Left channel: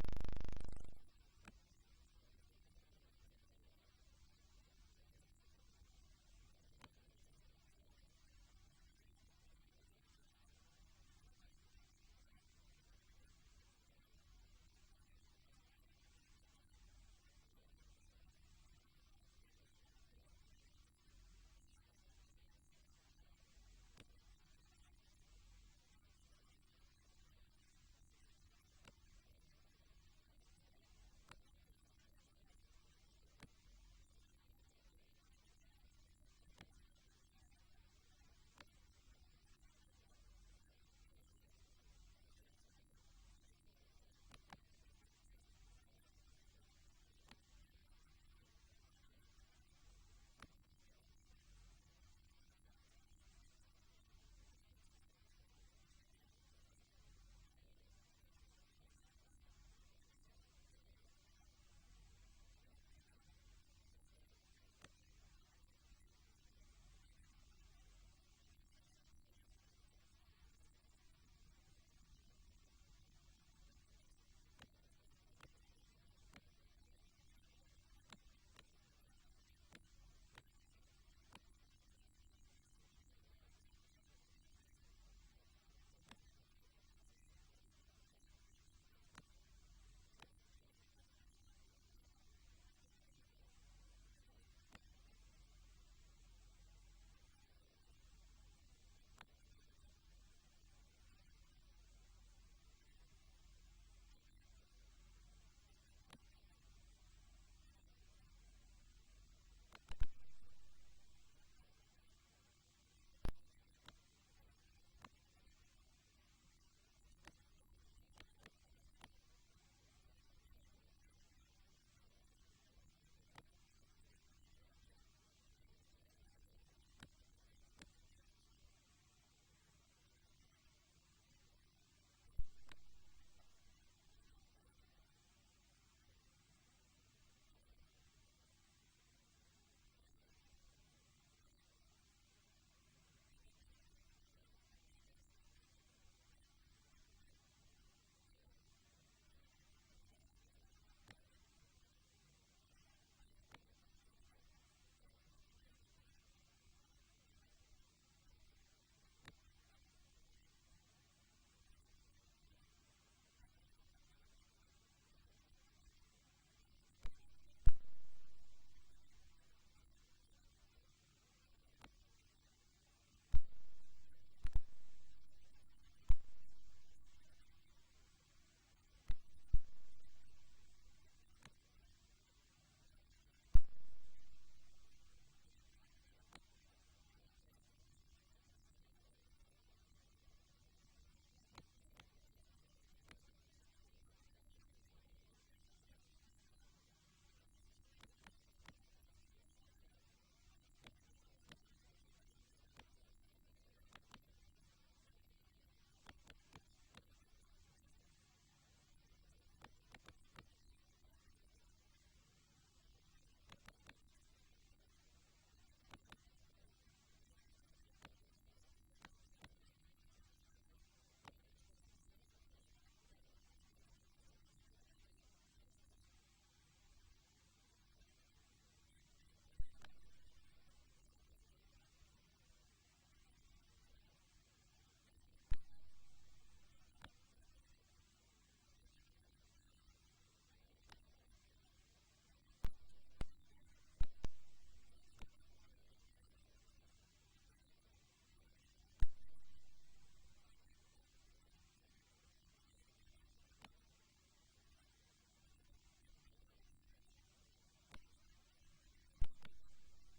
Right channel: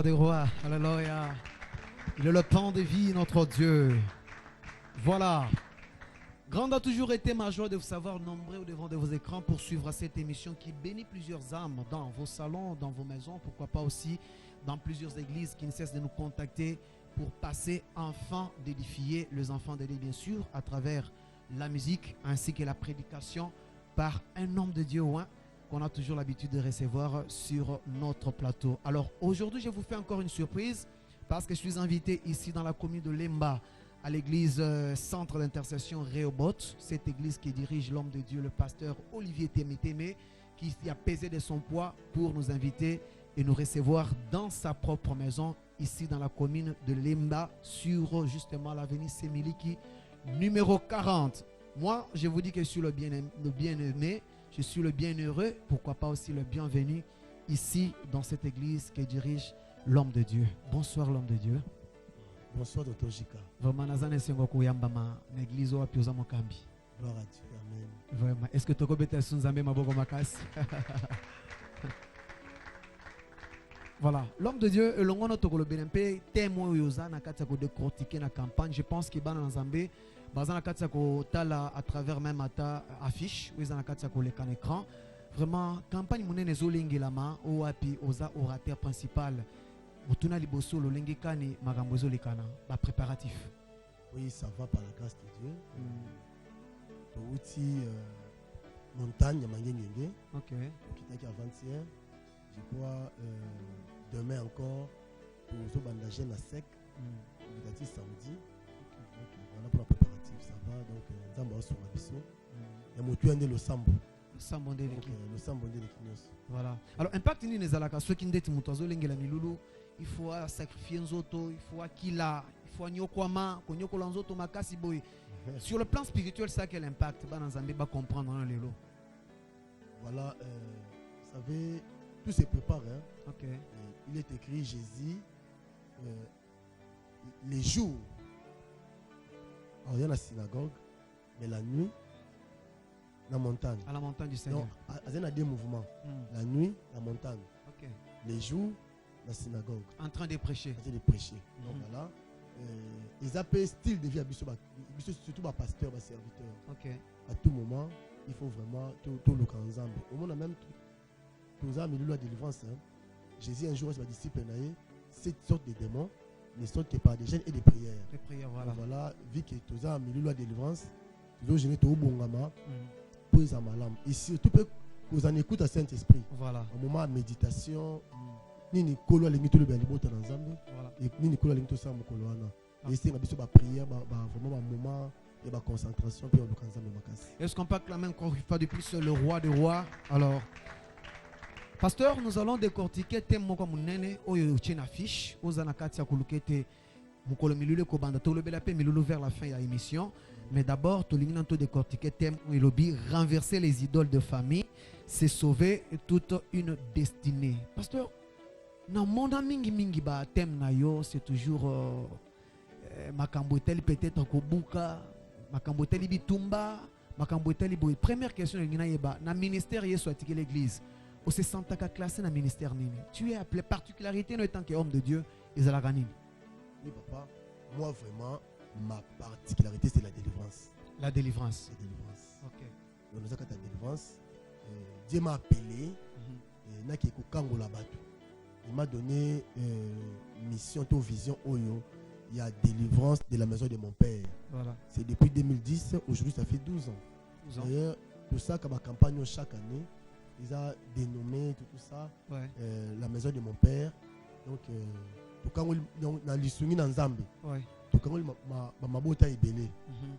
roi des rois. Alléluia. Il est le pain de vie, notre Dieu. Voilà. Grande a toujours été ma joie de vous savoir nombreux au devant de vos écrans pour suivre cette émission qui bénit plusieurs âmes dans vos salons, dans vos maisons, pourquoi pas aussi dans plusieurs églises qui ne cessent de nous contacter pour passer enfin d'édifier les enfants de Dieu, bien sûr, à travers la musique ainsi que la prédication par un homme de Dieu qu'on a toujours l'habitude de recevoir sur notre plateau. Alors aujourd'hui, je vous fais encore une surprise parce que je suis invité ici dans la commune de Lemba à l'église Centre d'intercession Rehoboth, cette église qui dirige l'homme de Dieu, le pasteur Olivier Témétémé, qui a pesé de son poids pour nous inviter et nous recevoir dans sa propre maison, ici dans la commune de Lemba, sur justement l'avenue Semiliki, numéro 40. Moi, je vous dis que je suis le bien-aimé, je suis le bienheureux, pourquoi pas aussi le bienvenu, ici dans cette église qui dirige l'homme de Dieu. Bonsoir l'homme de Dieu. Bonsoir Dr. Jika. Vraiment, nazane sengo kuyamba ma l'église wa pioza mokambi. Gloire à Dieu. Amen. Vraiment. Est-ce que toko beta sunzambe maboko makasi? Voilà. L'homme de Dieu, le longono toko le BNP, témoin yoza na katia ko décortiquer na campagne. Je pense que bana nzambe bazana katia ko tala à travers même ata affiche, ou na katia ko le kan écran. Vraiment campagne munene zolingilama o api oza orateur principal. Otuna liboso lolengi kani makambo ezolikana ba préparatif. Oui, ça va par la grâce de Dieu. Outil montagne mangengenge. OK. Qui était avant-hier. Je crois demain encore pour zo bandager na sec. Il a dit samedi. Voilà pour la préparatif, ça va donc nzamba sur la biso. Ya motu ande lo sambo. Le sambo de l'équinos. Voilà. Alors impact ni nezalaka ceux qui ndeti mutazo lengela milulu. Il faut sacrifier nzoto, il faut akila, il faut nyokwama, konyokola nzoto makasi boy. Sur le plan spirituel, ça quel impact ba nzambe ba comprendre dans lelo. Voilà, vous savez, tout se prépare. Hein. OK. Il est écrit Jésus les jours. Alors il y a la synagogue, mais la nuit, la montagne. À la montagne du Seigneur. Donc, il y a des mouvements. La nuit, la montagne. OK. Les jours, la synagogue. En train de prêcher. En train de prêcher. Donc voilà. Ils appellent style de vie à Bissot, surtout à pasteur, à serviteur. OK. À tout moment, il faut vraiment tout le camp ensemble. Au moment même, tous les amis de la délivrance, Jésus un jour, ses disciples, cette sorte de démons ne sortent que par des jeûnes et des prières. Les prières, voilà. Donc voilà, vu que tous les amis de la délivrance, ils ont gêné tout bon gamin pour les amalams. Et surtout, vous en écoutez à Saint-Esprit. Voilà. Au moment de méditation, ni kolo alingi tout le bien libota dans Zambie et ni kolo alingi tout ça mon kolo ana et c'est ngabiso ba prière vraiment un moment et ba concentration puis on le kanza makasi. Est-ce qu'on peut acclamer encore une fois de plus le roi des rois? Alors pasteur, nous allons décortiquer thème moko munene oyo tchena fiche ozana katia kulukete mukolo milulu ko banda to lobela pe milulu vers la fin de l'émission, mais d'abord to lingi nanto décortiquer thème oyobi renverser les idoles de famille, c'est sauver toute une destinée. Pasteur, na monde mingi ba thème na yo c'est toujours makambo eteli peut-être kobuka makambo eteli bitumba makambo eteli boy. Première question ngina yeba na ministère yeso atiki l'église o se sentaka classé na ministère nini? Tu es appelé particularité no étant qu'homme de Dieu ezalaka nini? Oui papa, moi vraiment ma particularité c'est la délivrance. La délivrance. La délivrance. OK. Donc nous avons la délivrance. Dieu m'a appelé na ki ko kangola batu. Il m'a donné mission, vision, Oyo. Il y a délivrance de la maison de mon père. Voilà. C'est depuis 2010, aujourd'hui ça fait 12 ans. 12 ans. D'ailleurs, tout ça, comme ma campagne chaque année, ils ont dénommé tout ça, la maison de mon père. Donc, tout dans l'issumi dans Zambie. Tout quand ma bota est belé.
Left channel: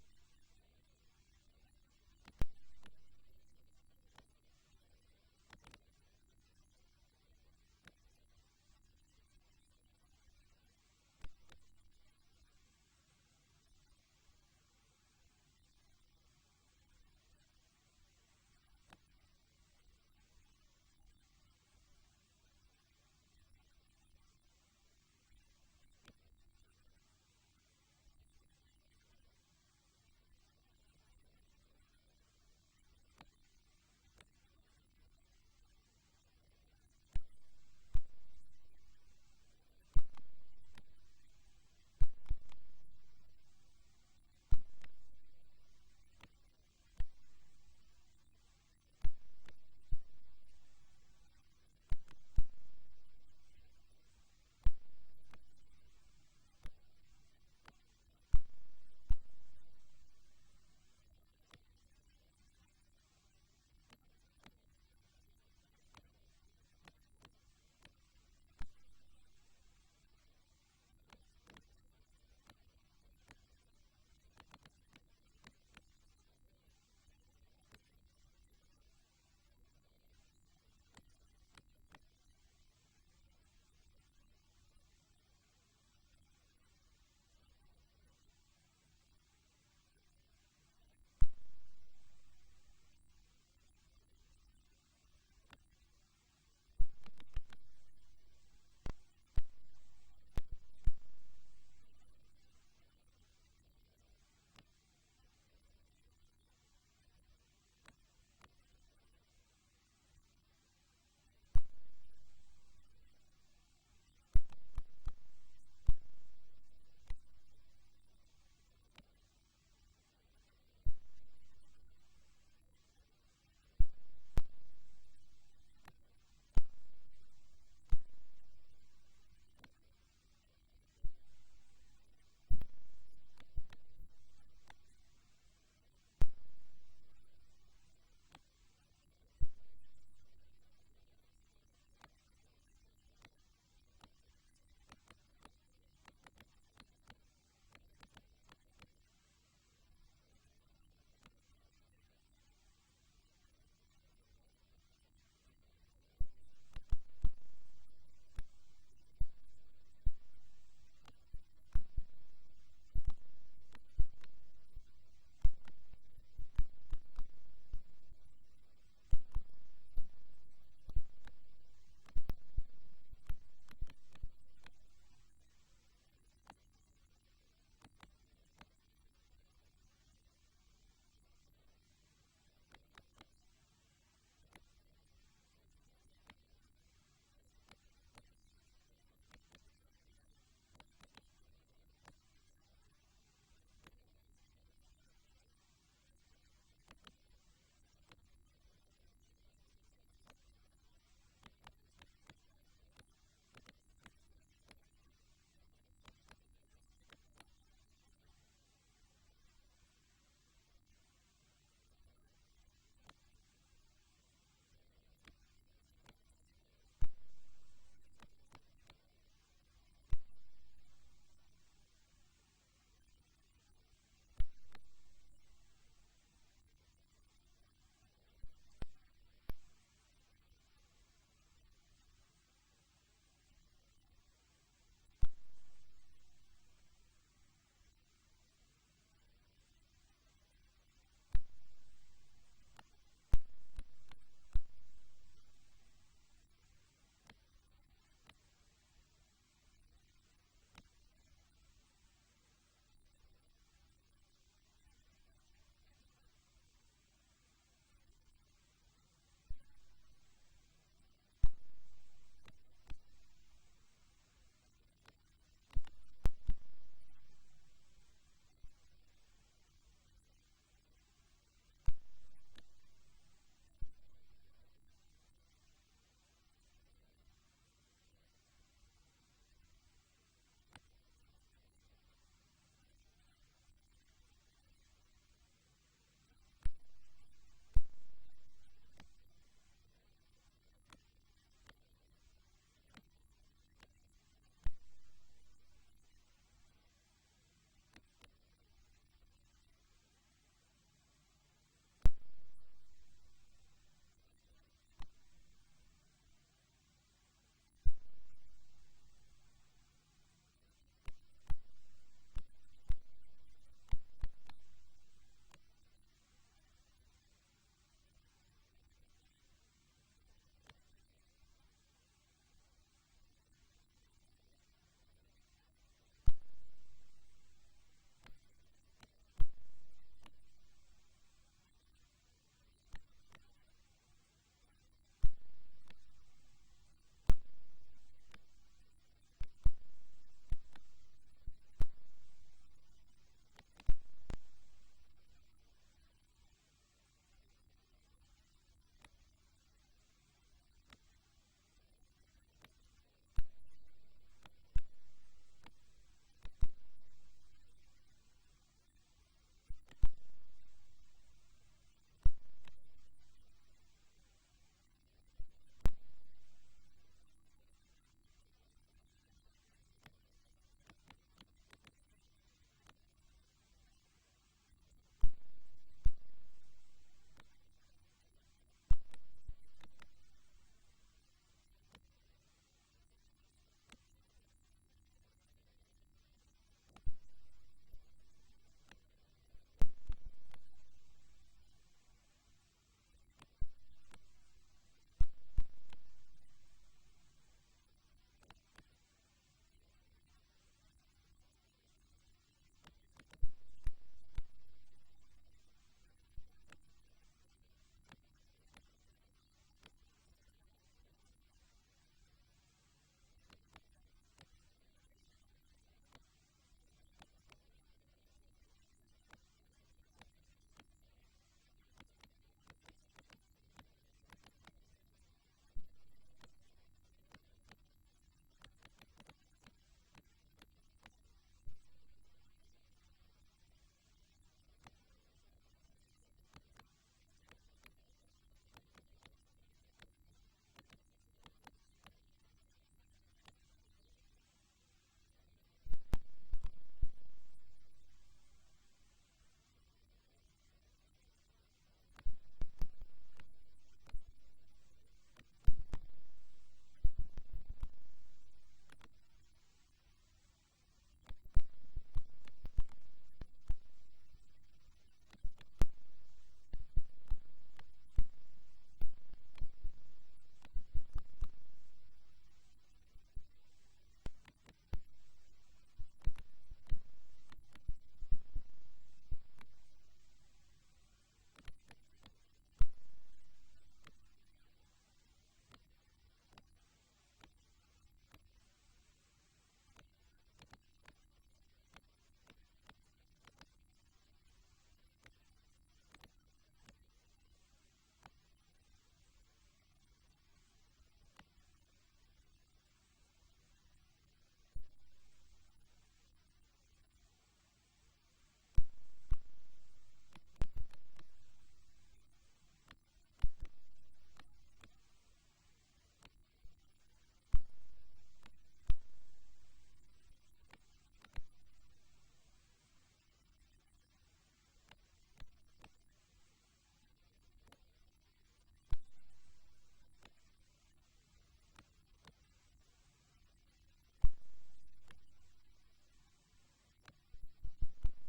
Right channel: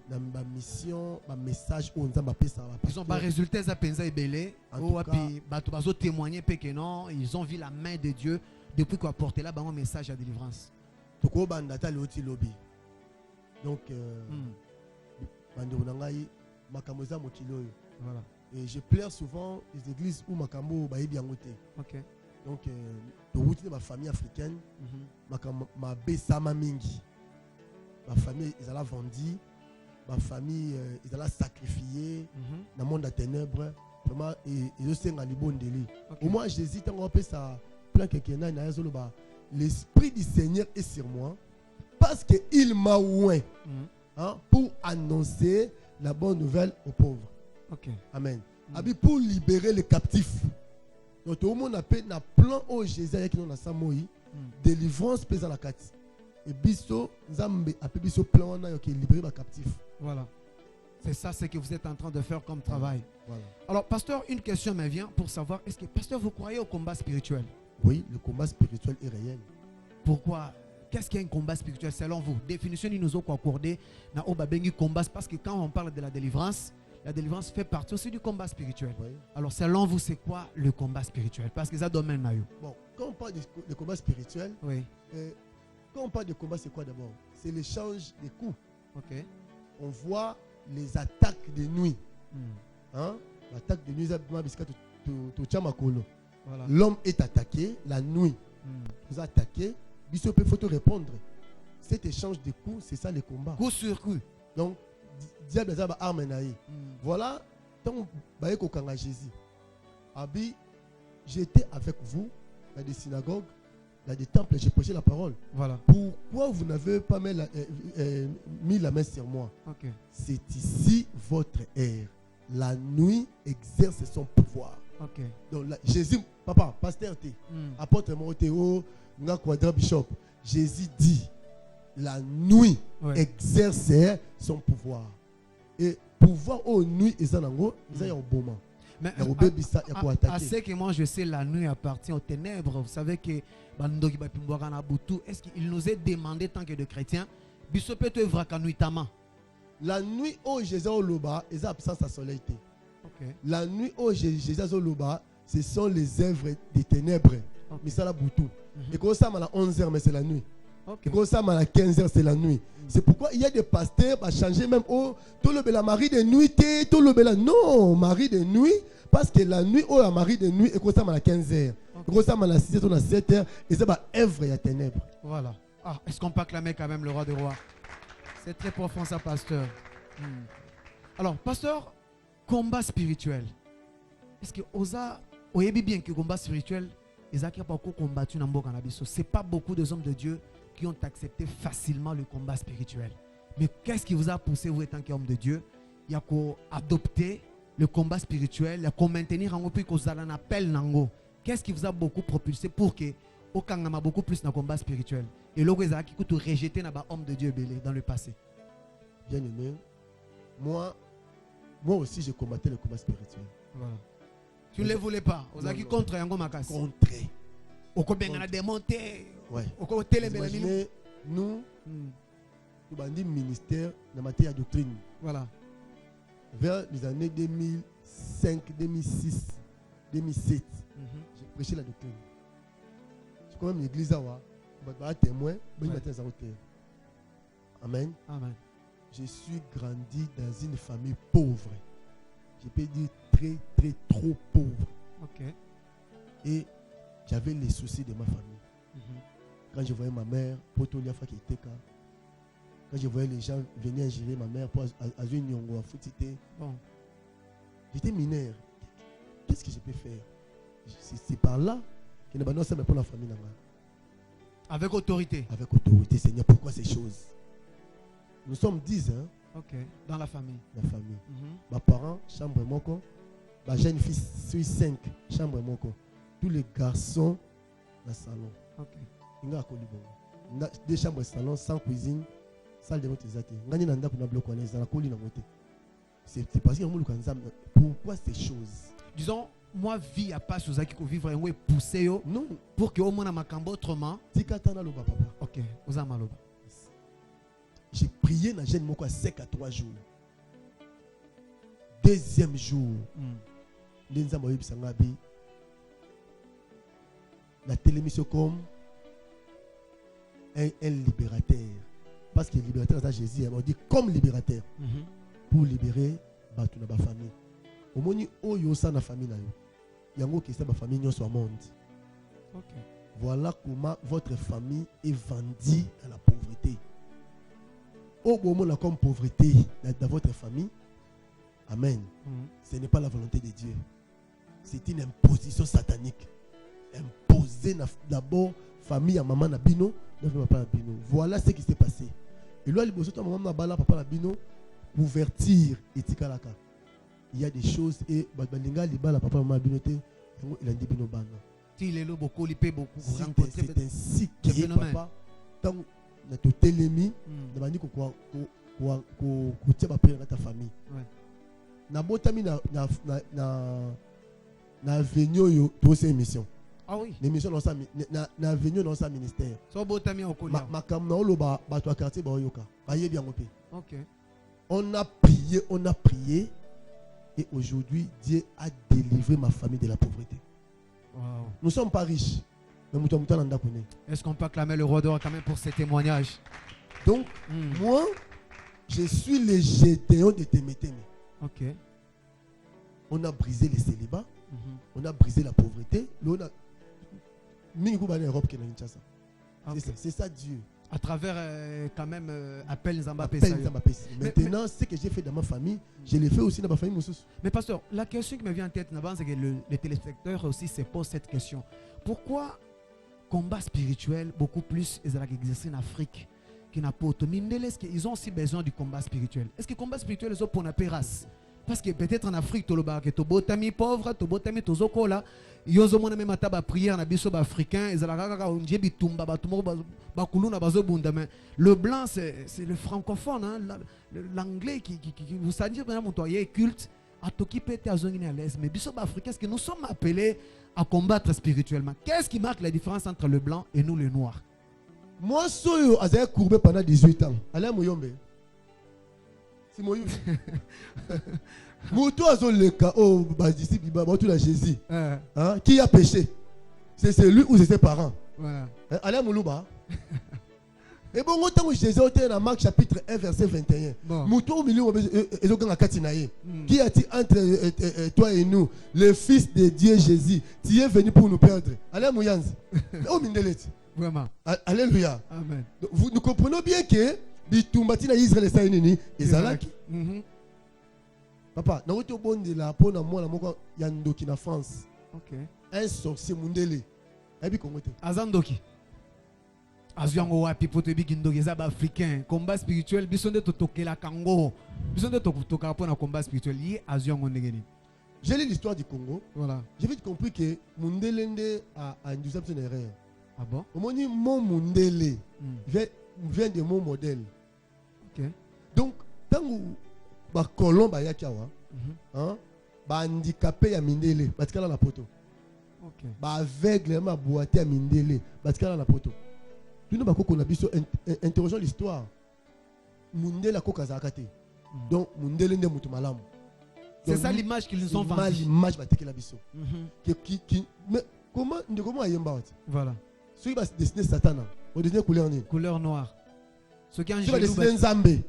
Dans ma mission, ma message au Nzamba pesa. Ils ont pas résultat ça pensa est belé. Ou puis bato bazo témoigner que non, ils ont vu la main de Dieu depuis qu'on a porté là un message à délivrance. Tout ko bandata le oti lobby. Donc bando nangai makambo za mokilo. Voilà. Et je pleure souvent les églises où makambo ba yebi yangote. OK. Donc de route de ma famille africaine, ma besama mingi. Ma famille, ils allaient vendu. Ma famille, ils allaient sacrifier dans le monde des ténèbres. Vraiment, ils ont un bon délit. Au moins, j'hésite à ça. Plein quelqu'un, l'Esprit du Seigneur est sur moi parce qu'il m'a oint pour annoncer la bonne nouvelle aux pauvres. Okay. Amen. Pour libérer les captifs. Donc tout le monde a un plan au Jésus qui nous a samoi délivrance pèse à la carte. Et biso Zambe a biso plan qui libérer les captifs. Voilà. C'est ça ce que vous êtes en train de faire comme travail. Voilà. Alors pasteur, une question me vient pour savoir, est-ce que pasteur vous croyez au combat spirituel? Oui, le combat spirituel est réel. Pourquoi? Qu'est-ce qu'un combat spirituel selon vous? Définition nous a accordé na obabengi combat, parce que quand on parle de la délivrance fait partie aussi du combat spirituel. Oui. Alors selon vous, c'est quoi le combat spirituel? Parce que ça domaine là. Bon, quand on parle de combat spirituel, oui. Quand on parle de combat, c'est quoi d'abord? C'est l'échange des coups. Ok. On voit les attaques de nuit. Hein? L'attaque de nuit, voilà. L'homme est attaqué la nuit. Vous attaquez, il faut te répondre. Cet échange de coups, c'est ça le combat. Coup sur coup. Donc, diable a arme naïe. Voilà, tant que Jésus. Abi, j'étais avec vous dans des synagogues, dans des temples, j'ai prêché la parole. Voilà. Pourquoi vous n'avez pas mis la main sur moi? Okay. C'est ici votre ère. La nuit exerce son pouvoir. Okay. Donc Jésus, papa, pasteur T, apôtre Moroteo, nga quadra bishop, Jésus dit, la nuit exerce son pouvoir. Et pouvoir aux nuits, ils en ont un bon moment. Mais à ce que moi je sais, la nuit appartient aux ténèbres. Vous savez que est-ce qu'il nous est demandé, tant que de chrétiens, la nuit où Jésus au loba, ils ont absence à soleil. La nuit où Jésus au loba, ce sont les œuvres des ténèbres. Mais ça la boutou. Et quand ça à la 11h, mais c'est la nuit. Et quand ça à la 15h, c'est la nuit. C'est pourquoi il y a des pasteurs qui ont changé même au tout le bel Marie de nuit, tout le bel non, Marie de nuit. Parce que la nuit, oh, la Marie de nuit, et comme ça, à la 15h, et comme ça, à la 6h, à la 7h, et ça va œuvre et à ténèbres. Voilà. Ah, est-ce qu'on peut acclamer quand même le roi des rois? C'est très profond, ça, pasteur. Alors, pasteur, combat spirituel. Est-ce que Oza, vous savez bien que le combat spirituel, ils ont pas combattu dans le cannabis. Ce n'est pas beaucoup de hommes de Dieu qui ont accepté facilement le combat spirituel. Mais qu'est-ce qui vous a poussé, vous étant qu'homme de Dieu, il y a qu'à adopter le combat spirituel, à maintenir en plus qu'on a un appel nango. Qu'est-ce qui vous a beaucoup propulsé pour que au Kangama beaucoup plus dans le combat spirituel? Et là, vous avez rejeté dans homme de Dieu belé dans le passé. Bien aimé, moi aussi j'ai combattu le combat spirituel. Voilà. Tu ne le voulais pas. Vous avez contre Yango Makas. Contre. Au Koben a démonté. Ouais. Au côté imaginez, nous avons ministère de matière de doctrine. Voilà. Vers les années 2005, 2006, 2007, j'ai prêché la doctrine. Je connais l'église, je suis témoin, mais je suis Amen. Amen. Je suis grandi dans une famille pauvre. Je peux dire très, très, trop pauvre. Okay. Et j'avais les soucis de ma famille. Quand je voyais ma mère, Potoliafa qui était là. Quand je voyais les gens venir ingérer ma mère pour Azun Nyongo à Foutité, j'étais mineur. Qu'est-ce que je peux faire? C'est par là que nous avons pour la famille. Avec autorité. Avec autorité, Seigneur. Pourquoi ces choses? Nous sommes 10 hein? Ok, dans la famille. La famille. Mes parents, chambre moko. Ma jeune fille, suis 5, chambre moko. Tous les garçons dans le salon. Ok. Il y a deux chambres salon, sans cuisine. Salle de notre exaté. C'est parce que pourquoi ces choses? Disons, moi, vie à pas sous qui vivre et pousser non. Pour que au moins ma cambo autrement. Ok, vous avez mal. J'ai prié dans jeune moko sec à 3 jours. Deuxième jour, la télémission comme un libérateur. Parce que le libérateur, c'est Jésus. On dit comme libérateur. Pour libérer ma famille. Au moment où il y a une famille, il y a une famille qui est monde. Voilà comment votre famille est vendue à la pauvreté. Au moment où il y a comme pauvreté dans votre famille, amen. Ce n'est pas la volonté de Dieu. C'est une imposition satanique. Imposée d'abord famille à maman Nabino, papa Nabino. Voilà ce qui s'est passé. Et là, maman Nabala, papa Nabino, ouverture et tikalaka. Il y a des choses et balinga libala papa maman Nabino il a dit bino bana. Il est là beaucoup, il paie beaucoup. C'est ainsi que papa tant na to telemi na bandi ko tia ba père ta famille. Na botami na avenue yo to ces émission. Ah oui. L'émission dans sa na avenue dans sa ministère. So botami au colia. Makam na oloba ba to quartier ba yoka. Aye bien ngopé. OK. On a prié et aujourd'hui Dieu a délivré ma famille de la pauvreté. Wow. Nous ne sommes pas riches. Est-ce qu'on peut acclamer le roi d'or quand même pour ces témoignages? Donc, moi, je suis le Gédéon de Témétémé. OK. On a brisé les célibats, on a brisé la pauvreté. C'est ça Dieu. À travers quand même appel Zambapé. Maintenant, ce que j'ai fait dans ma famille, je l'ai fait aussi dans ma famille. Mais pasteur, la question qui me vient en tête, c'est que les téléspectateurs aussi se posent cette question. Pourquoi combat spirituel beaucoup plus exercé en Afrique qu'il n'a pas autonomie? Est-ce qu'ils ont aussi besoin du combat spirituel? Est-ce que le combat spirituel est pour la race? Parce que peut-être en Afrique, tu as des botami pauvres, tu as des zokola. Il y a des même à prière dans les africains. Le blanc, c'est le francophone, hein, l'anglais qui vous savez, il culte. Mais les africains, est-ce que nous sommes appelés à combattre spirituellement? Qu'est-ce qui marque la différence entre le blanc et nous, les noirs? Moi, j'ai courbé pendant 18 ans. Allez, Mouyombe. C'est Mouyombe. Moutou a le cas, oh, disciple, tout la Jésus. Qui a péché? C'est lui ou c'est ses parents? Allez, Moulouba. Et bon, autant que Jésus était dans Marc chapitre 1, verset 21. Moutou au milieu, qui a-t-il entre toi et nous, le Fils de Dieu Jésus? Tu es venu pour nous perdre. Allez, Mouyanzi. Oh, Mindelet. Vraiment. Alléluia. Amen. Nous comprenons bien que Bitumbati na Israël est saïnini. Ezalaki. Papa, na wote bon de la pona moi la moko yandoki na France. OK. Un sorcier mundele. Abi kongote. Azandoki. Aziango wapi pote bikindoki za ba africain. Combat spirituel bisonde to tokela kango. Bisonde to toka pona combat spirituel yi aziango ndegeni. J'ai lu l'histoire du Congo. Voilà. J'ai vite compris que Mundelende a induit une erreur. Ah bon? Au moment où mon Mundele vient de mon modèle. OK. Donc, tant que ba colon ba yakiawa, ba handicapé ya Mindele, batikala na poto. OK. Ba aveugle ma boité ya Mindele, batikala na poto. Tout nous ba koko na biso interrogeons l'histoire. Mundele a koka zakate. Donc Mundele nde mutu malamu. C'est ça l'image qu'ils nous ont vendue. L'image ba tekela biso. Mais comment ayemba wati? Voilà. Ceux qui va dessiner Satan, on dessiner couleur ni? Couleur noire. Ceux qui ont jaloux. Ceux qui dessiner Nzambe.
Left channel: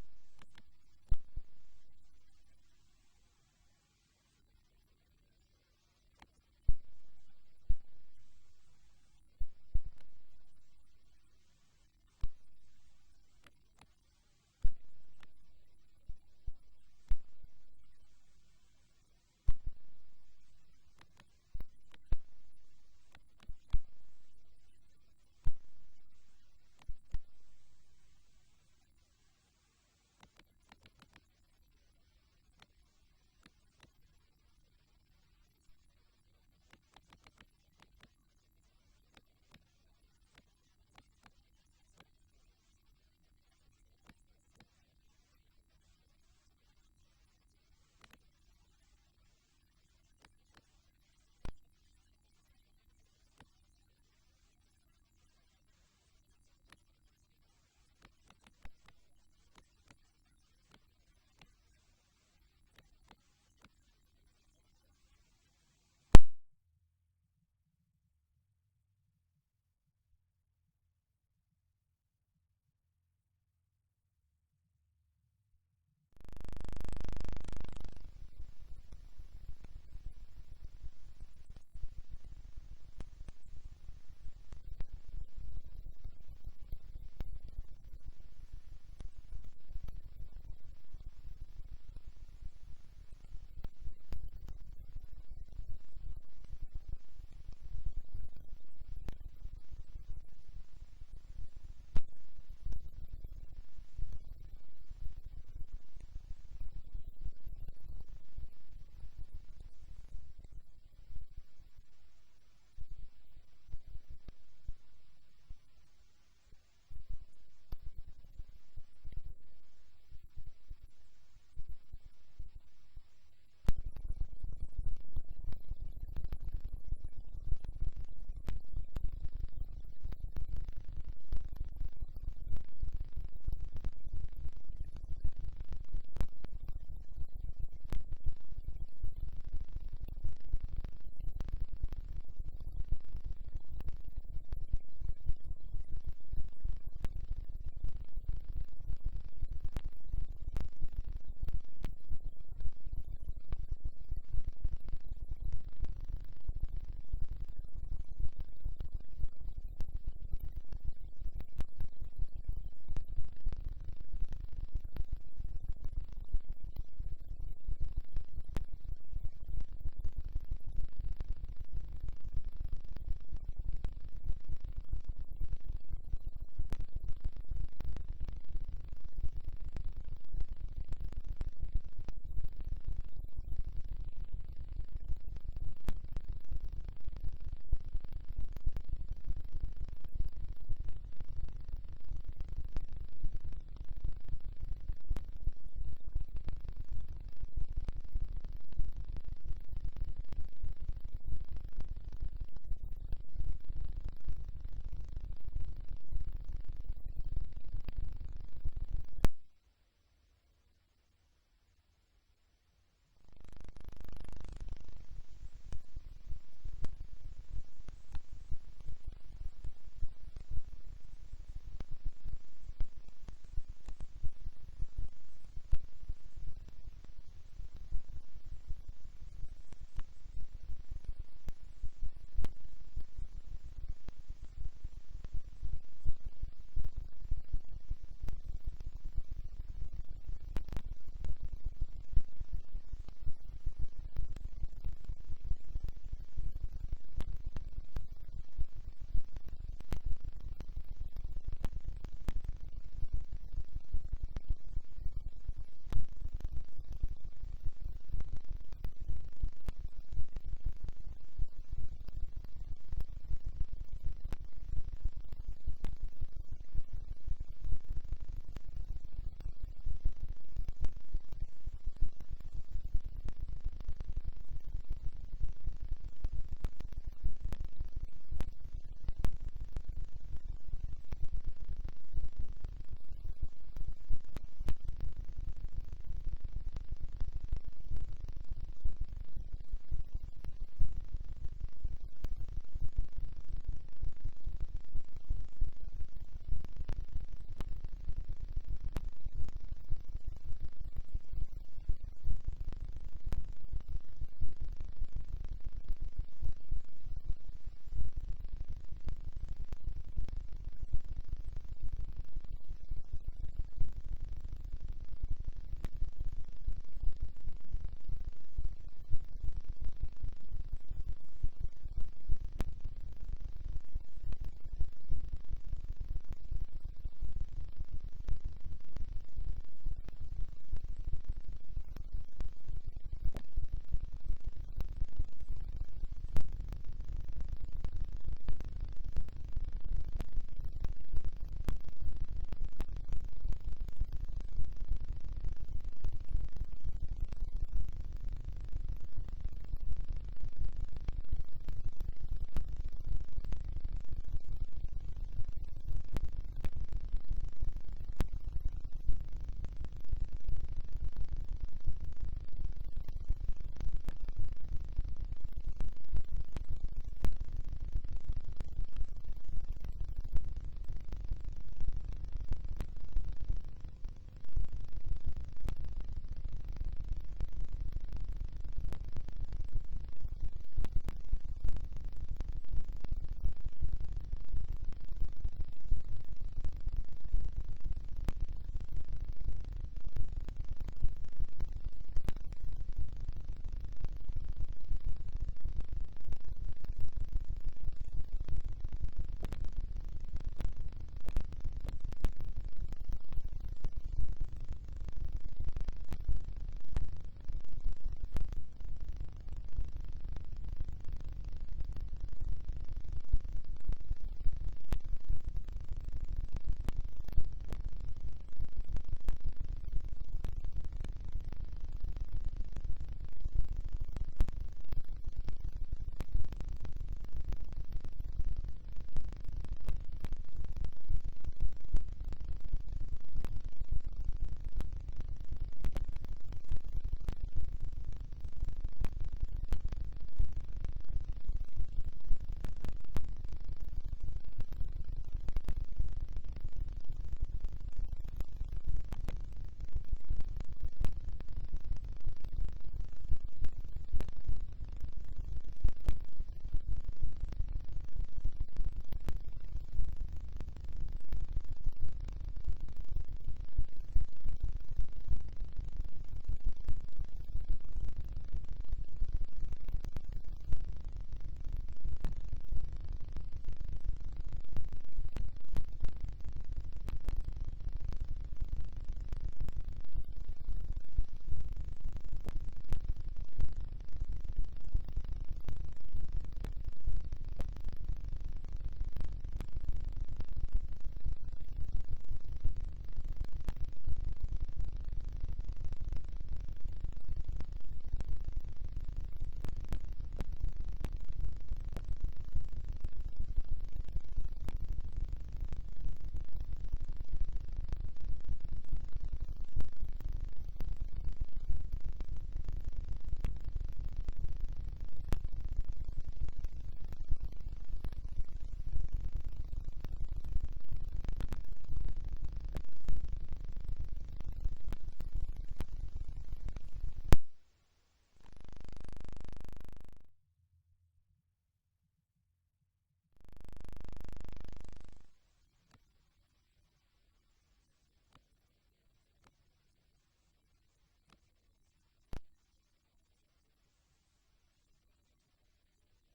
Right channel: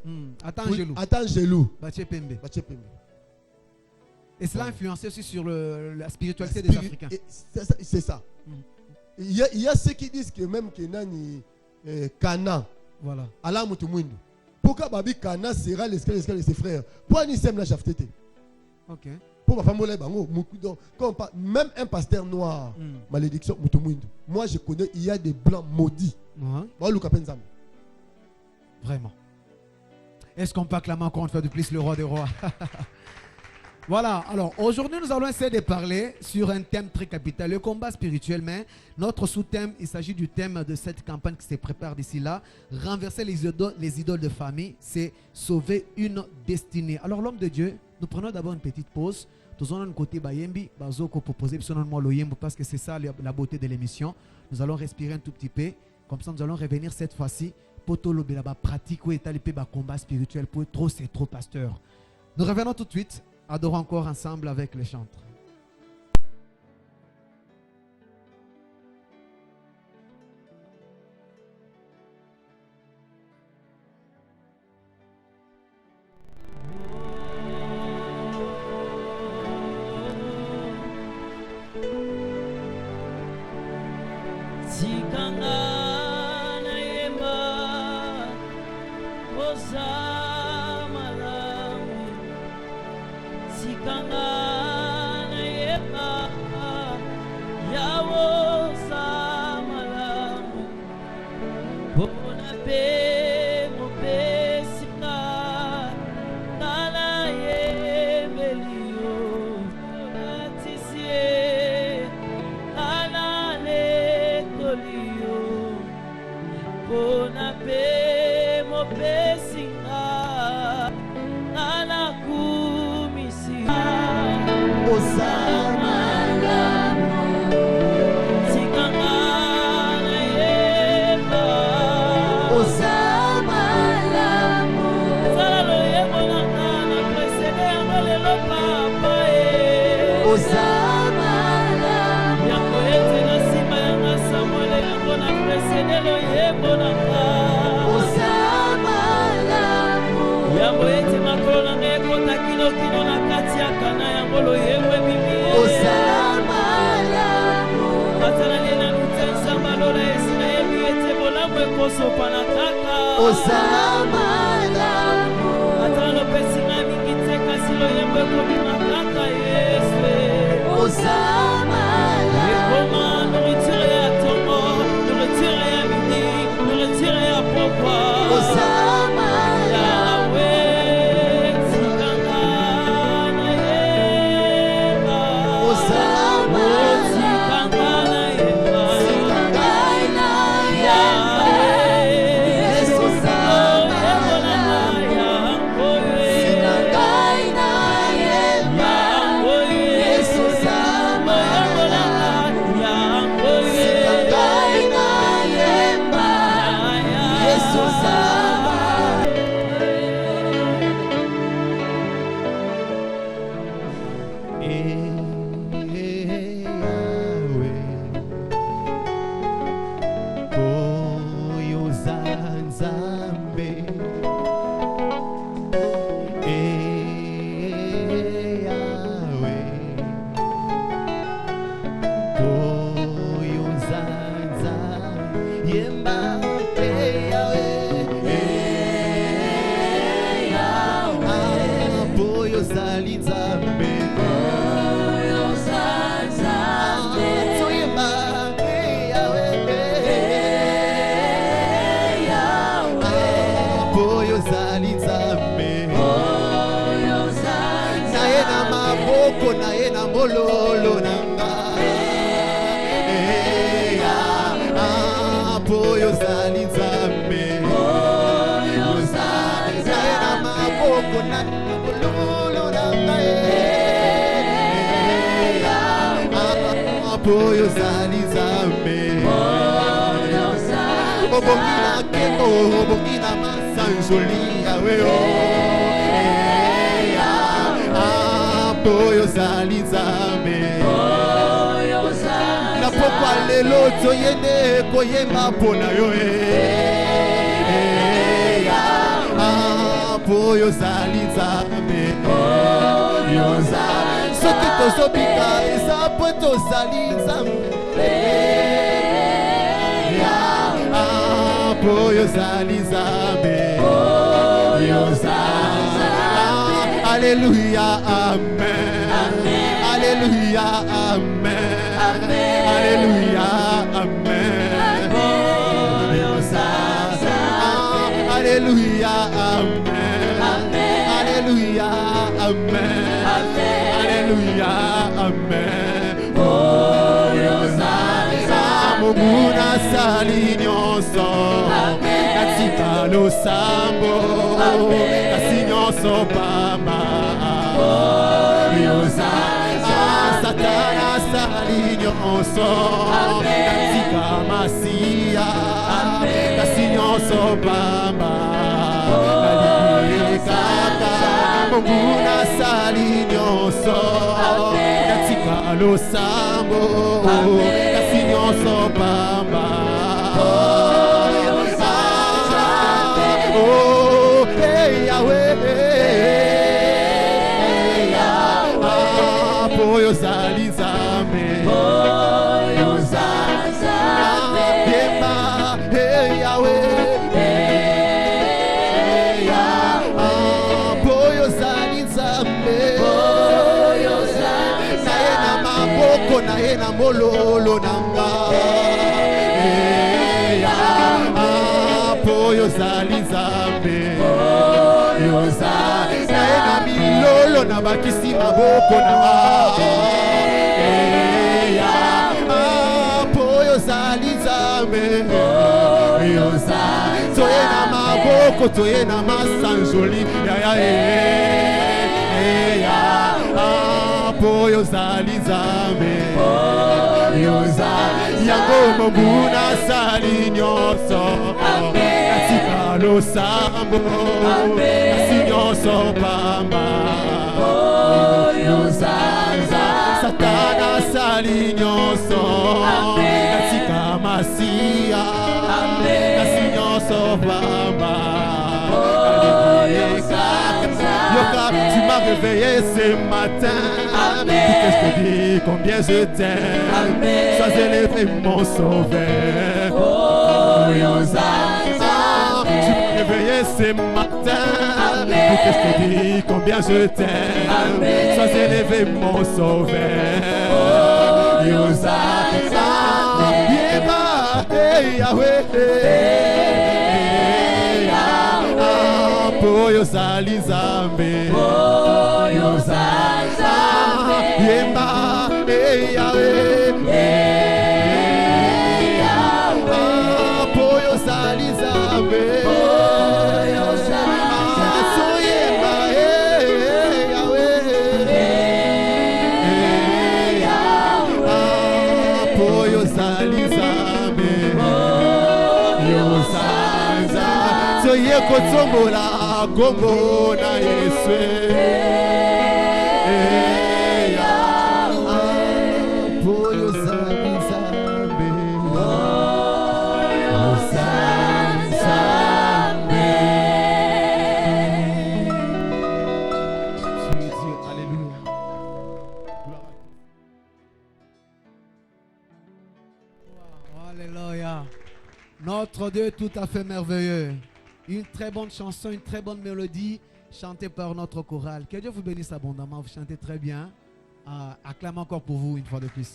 Attends jaloux. Attends jaloux. Baché Pembe. Baché Pembe. Et cela a influencé aussi sur la spiritualité des Africains. C'est ça. Il y a ceux qui disent que même que Nani Kana. Voilà. Allah Moutoumouindou. Pourquoi Babi Kana sera l'esclave de ses frères? Pourquoi ni sème la chaftété? OK. Pour ma femme, même un pasteur noir, malédiction, moi je connais, il y a des blancs maudits. Vraiment. Est-ce qu'on peut acclamer encore une fois de plus le roi des rois? Voilà, alors aujourd'hui nous allons essayer de parler sur un thème très capital, le combat spirituel, mais notre sous-thème, il s'agit du thème de cette campagne qui se prépare d'ici là, renverser les idoles de famille, c'est sauver une destinée. Alors l'homme de Dieu, nous prenons d'abord une petite pause, nous allons côté Bayembi, Bazoko proposer, parce que c'est ça la beauté de l'émission, nous allons respirer un tout petit peu, comme ça nous allons revenir cette fois-ci, pour tout le pratique, où est le combat spirituel, pour trop c'est trop pasteur. Nous revenons tout de suite. Adorons encore ensemble avec les chantres. Sikanga Alléluia, Amen. Alléluia, Amen. Alléluia, Amen. Alléluia, Amen. Alléluia, Amen. Alléluia, Amen. Muguna sali nyonso natika losambo kasi nyonso pamba Satana sali nyonso natika masia kasi nyonso pamba kaka Muguna sali nyonso natika losambo kasi nyonso pamba Mololo nanga ozali nzambe naye na milolo na bakisi maboko na po ozali nzambe toye na maboko toye na masanjoli po ozali nzambe yango mobuna sali nyonso katika losambo kasi nyonso pamba satana sali nyonso katika masia kasi nyonso pamba. Yoka, tu m'as réveillé ce matin. Pour que je te dise combien je t'aime. Sois élevé mon sauveur. Tu m'as réveillé ce matin. Pour que je te dise combien je t'aime. Sois élevé mon sauveur. Yahweh. Ozali nzambe yemba po ozali nzambe soyemba po ozali nzambe soye kotsombola Kongo na Yesu Poyo Zambe Alléluia. Alléluia. Notre Dieu est tout à fait merveilleux. Une très bonne chanson, une très bonne mélodie chantée par notre chorale. Que Dieu vous bénisse abondamment. Vous chantez très bien. Acclame encore pour vous une fois de plus.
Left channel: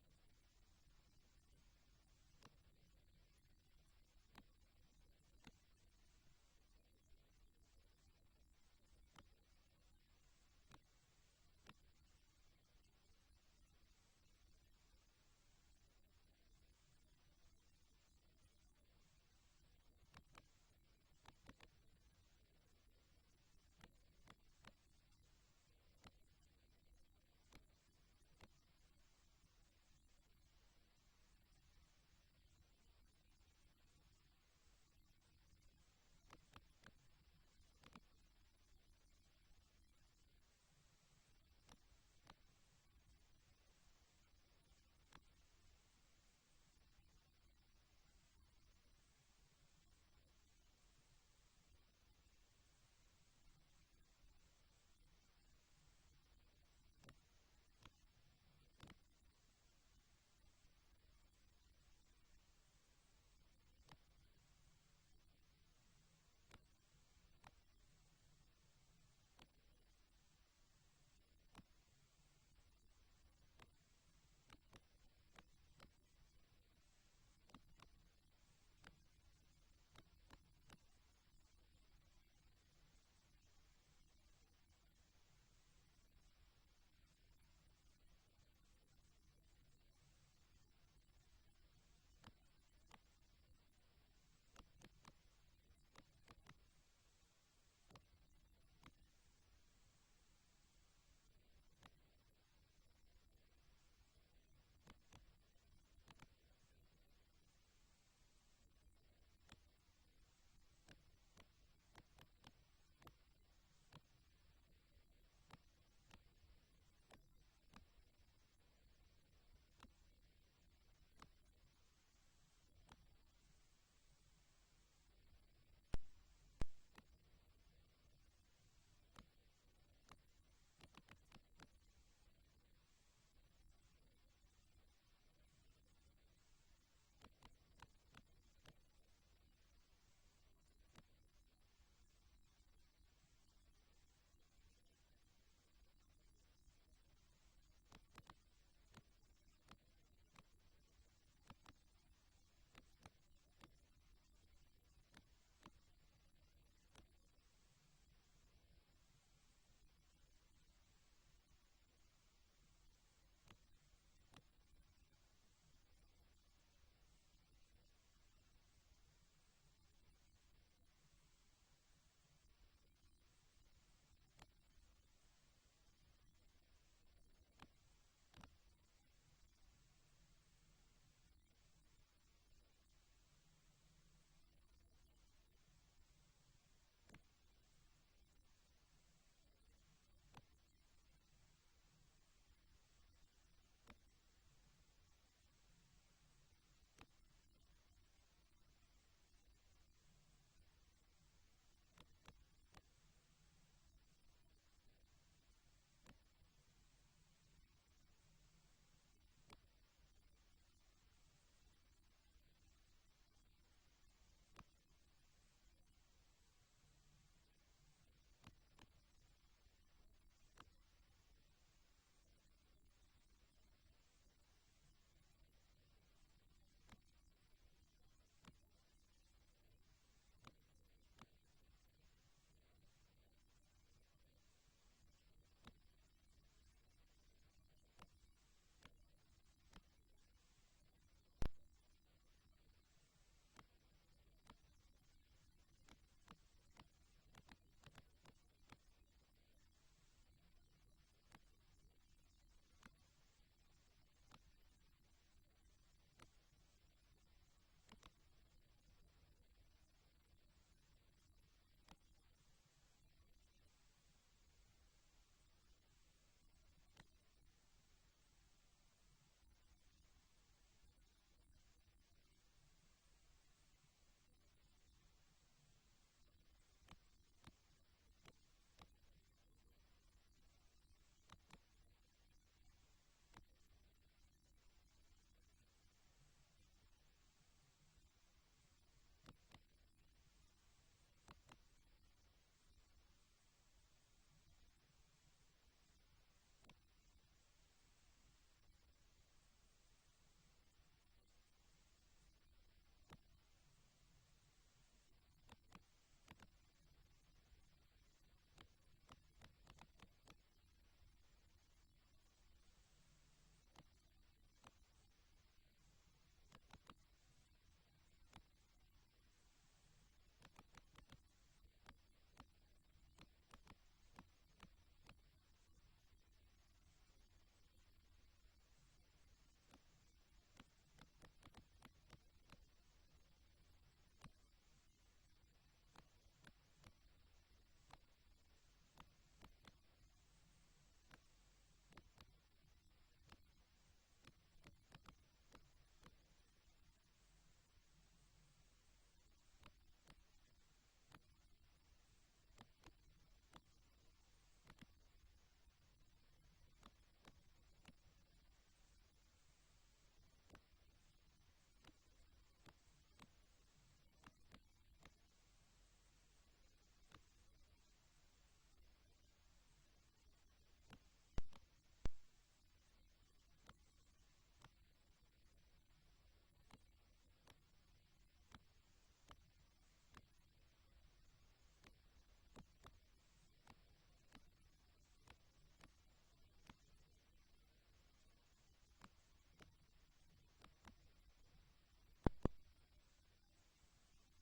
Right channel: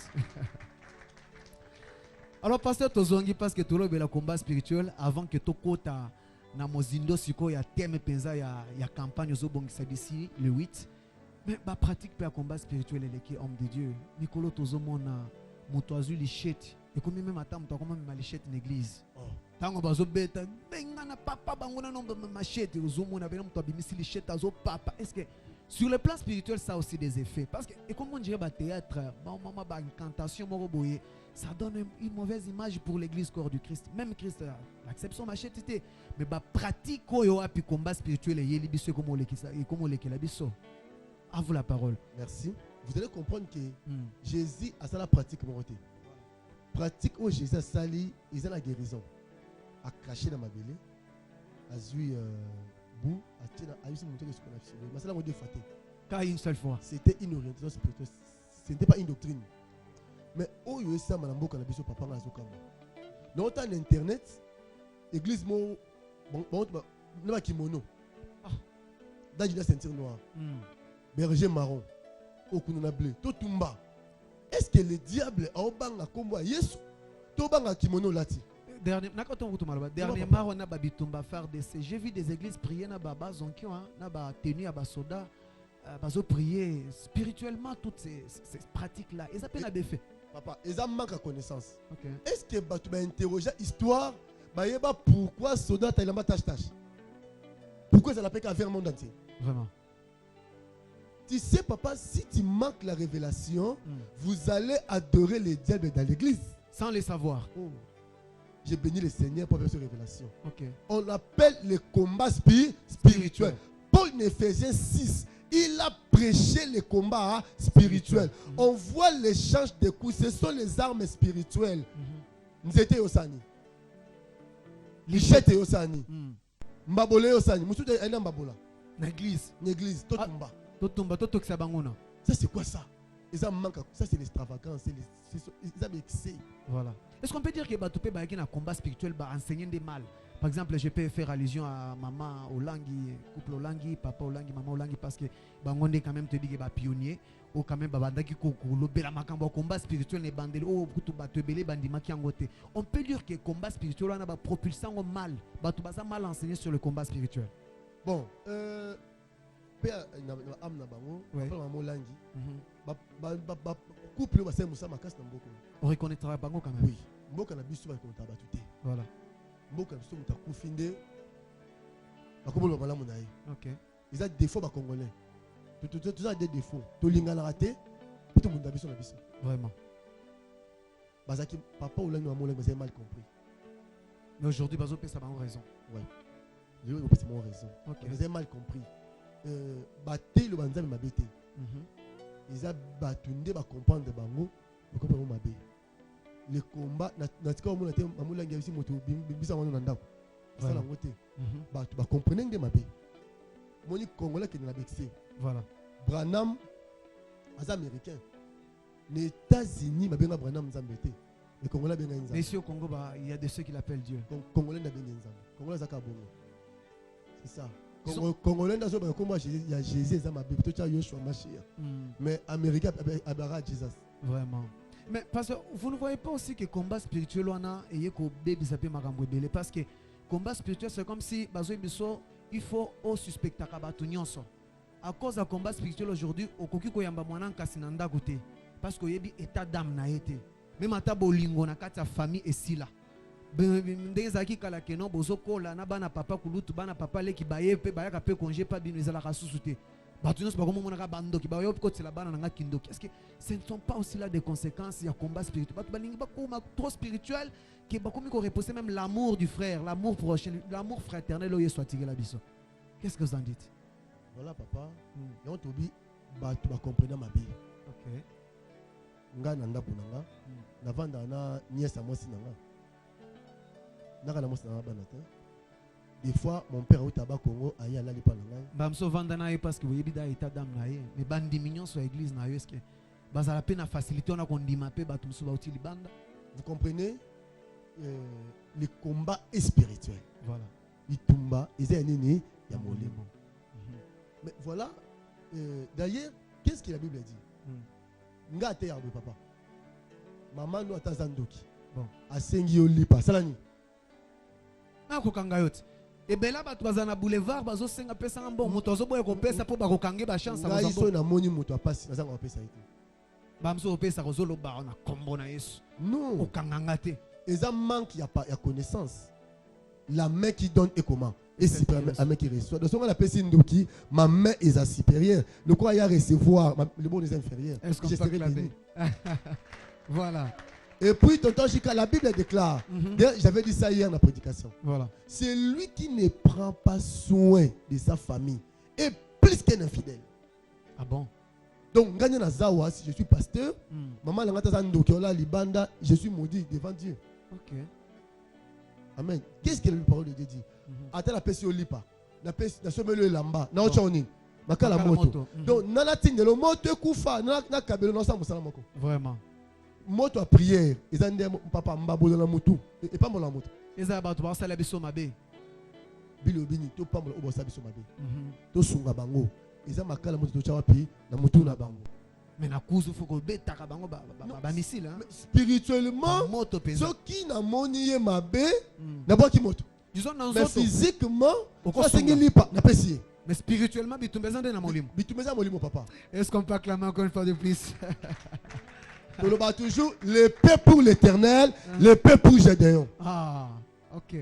Alors, pasteur Tozongi, parce que tout le monde a combat spirituel avant que Tokota na mozindo siko ya thème penza ya campagne zo bongisa d'ici le 8. Mais ba pratique pe combat spirituel et qui homme de Dieu. Nicolo Tozomona mutoazu lichette. Et comme même attend muto comme même lichette l'église. Tango bazo beta benga na papa bangona no machette uzomona bena muto abimisi lichette azo papa. Est-ce que sur le plan spirituel ça a aussi des effets parce que et comme on dirait ba théâtre, maman ba incantation moko boye, ça donne une mauvaise image pour l'église corps du Christ. Même Christ l'acception machette mais ba pratique oyo api combat spirituel et yeli biso comme on le biso. À vous la parole. Merci. Vous allez comprendre que Jésus a ça la pratique moralité. Pratique où Jésus a sali, il a la guérison. A craché dans ma belée, a zui bout, a tiré, a eu ce monté que ce qu'on a fait. Mais c'est la mode faté. Qu'à une seule fois. C'était une orientation spirituelle. Ce n'était pas une doctrine. Mais où il y a ça, madame Boka, la biso papa n'a pas de dans en internet, église mo, bon, n'a kimono. Dans une ceinture noire. Berger marron. Au kununa bleu. Totumba. Est-ce que le diable a obanga kombo Yesu? Tobanga kimono lati. Dernièrement, on a babitumba faire des. J'ai vu des églises prier na baba zonkio, na ba tenu à basoda, bazo prier spirituellement toutes ces pratiques là. Ils appellent des faits. Papa, ils ont manque de connaissance. Okay. Est-ce que tu vas interroger l'histoire? Pourquoi soda t'as la tâche? Pourquoi ça l'appelle qu'à faire le monde entier? Vraiment. Tu sais, papa, si tu manques la révélation, vous allez adorer les diables dans l'église. Sans les savoir. Oh. J'ai béni le Seigneur pour faire cette révélation. Okay. On appelle le combat spirituel. Paul en Éphésiens 6, il a prêché le combat spirituel. On voit l'échange de coups. Ce sont les armes spirituelles. Nous étions au Sani. Lichette au Sani. Mbabole au Sani. Moussou de Mbabola. L'église. L'église. Totumba. Ça c'est quoi ça? Ça c'est l'extravagance, c'est l'excès. Voilà. Est-ce qu'on peut dire que Batoupe a un combat spirituel enseigner des mal? Par exemple, je peux faire allusion à maman Olangi, couple Olangi, papa Olangi, maman Olangi, parce que Bangonde quand même te dit que est pionnier. o quand même babandaki kolobela makambo combat spirituel ne bandeli o kutu bato ebele bandimaki yango te. On peut dire que combat spirituel wana ba propulsant au mal, bato baza mal enseigné sur le combat spirituel. Bon, pe na am na bango, Ouais. pa maman langi. Mhm. Couple ba sema musa makasi na mboko. On reconnaîtra bango quand même. Oui, mboka na biso ba konta ba tuté. Voilà. Mboka na biso muta kufinde. Ba komolo malamu na ye. OK. Ils ont des défauts ba congolais. Tout ça des défauts. To lingana raté, tout monde na biso na biso. Vraiment. Bazaki papa ou langi maman langi vous avez mal compris. Mais aujourd'hui bazo pe ça ba raison. Ouais. Je vais c'est mon raison. OK. Vous avez mal compris. Baté le banzami mabete. Mhm. Ils ont batunde ba comprendre bango, ba comprendre mabé. Le combat na tika omona te maman langi aussi moto bisa wana na ndako. Ça la ngote. Mhm. Ba comprendre nge mabé. Moni congolais qui na vexé. Voilà. Branham as américain. Les États-Unis mabenga Branham nzambete. Les Congolais benga nzambete. Mais ici au Congo il y a de ceux qui l'appellent Dieu. Donc Congolais na benga nzambete. Congolais zaka bongo. C'est ça. Ils Congolais na zo ba komba il y a Jésus za mabe to cha Yoshua Mashiach. Mais américain abara Jesus. Vraiment. Mais parce que vous ne voyez pas aussi que combat spirituel wana eye ko baby sapé makambo ebele parce que combat spirituel c'est comme si bazo biso il faut au suspecta ka batu nyonso. À cause du combat spirituel aujourd'hui okoki ko yamba mwana nkasi na ndako te parce que yebi état d'âme na été. Même ata bolingo na kati ya famille esila. Ndenge zaki kala keno bozo kola na bana papa kulutu bana papa leki baye pe bayaka pe congé pas bino ezala ka susu te. Batunos ba komo mona ka bandoki ba yo ko tsela bana nga kindoki. Est-ce que ce ne sont pas aussi là des conséquences ya combat spirituel? Batu balingi ba ko trop spirituel que ba komi ko reposer même l'amour du frère, l'amour prochain, l'amour fraternel au yeso atigela biso. Qu'est-ce que vous en dites? Voilà papa. Et on tobi batu ba comprendre ma vie. OK. Nga na ndako nanga. Na vanda na nièce amosi nanga. Naka na mosi nanga bana te. Des fois, mon père au tabac Congo aïe à l'ali pananga. Bamso vanda na ye parce que vous yebida état d'âme na ye. Mais bandi mignon sur l'église na ye est-ce que bazala pe na facilité on a kondima pe batu mso ba utili banda. Vous comprenez le combat est spirituel. Voilà. Itumba, ezé nini ya molimo. Mais voilà, d'ailleurs, qu'est-ce que la Bible dit? Nga te yarbo papa. Maman no atazandoki. Bon. Asengi olipa. Salani. Na kokanga yote. Ebela batu bazana boulevard bazo senga pesa ngombo moto azo boye ko pesa po ba kokange ba chance ba bazambo. Iso na moni moto apasi nazanga ba pesa ite. Bamso pesa ko zolo ba na kombo na Yesu. Non. Okanganga te. Eza manque ya connaissance. La main qui donne et comment? Et c'est la main qui reçoit. Donc, on a appelé Sindoki, ma main est supérieure. Le quoi il y a recevoir, le bon est inférieur. Est-ce qu'on peut clamer? Voilà. Et puis, tonton Chika, la Bible déclare, j'avais dit ça hier dans la prédication. Voilà. C'est lui qui ne prend pas soin de sa famille est plus qu'un infidèle. Ah bon? Donc, gagne na zawa, si je suis pasteur, maman l'angata zandoki, ola libanda, je suis maudit devant Dieu. OK. Amen. Qu'est-ce que la parole de Dieu dit? Attends la pesi olipa. La pesi na somelo lamba. Na ochoni. Makala moto. Donc nana tinde le moto kufa na kabelo na sa musala moko. Vraiment. Moto à prière, ezande papa mbabolo na mutu. Et pas mola moto. Eza ba to ba sala biso mabe. Bilo bini to pa mola obosa biso mabe. To sunga bango. Eza makala moto to chawapi na mutu na bango. Mais na kuzu foko betaka bango ba missile hein. Spirituellement, moto pesa. ceux qui na moni ye mabe na boki moto. Disons dans mais physiquement, mais spirituellement, bitumeza na molimo. Bitumeza molimo papa. Est-ce qu'on peut acclamer encore une fois de plus? On le bat toujours, l'épée pour l'Éternel, l'épée pour Gédéon. Ah, OK.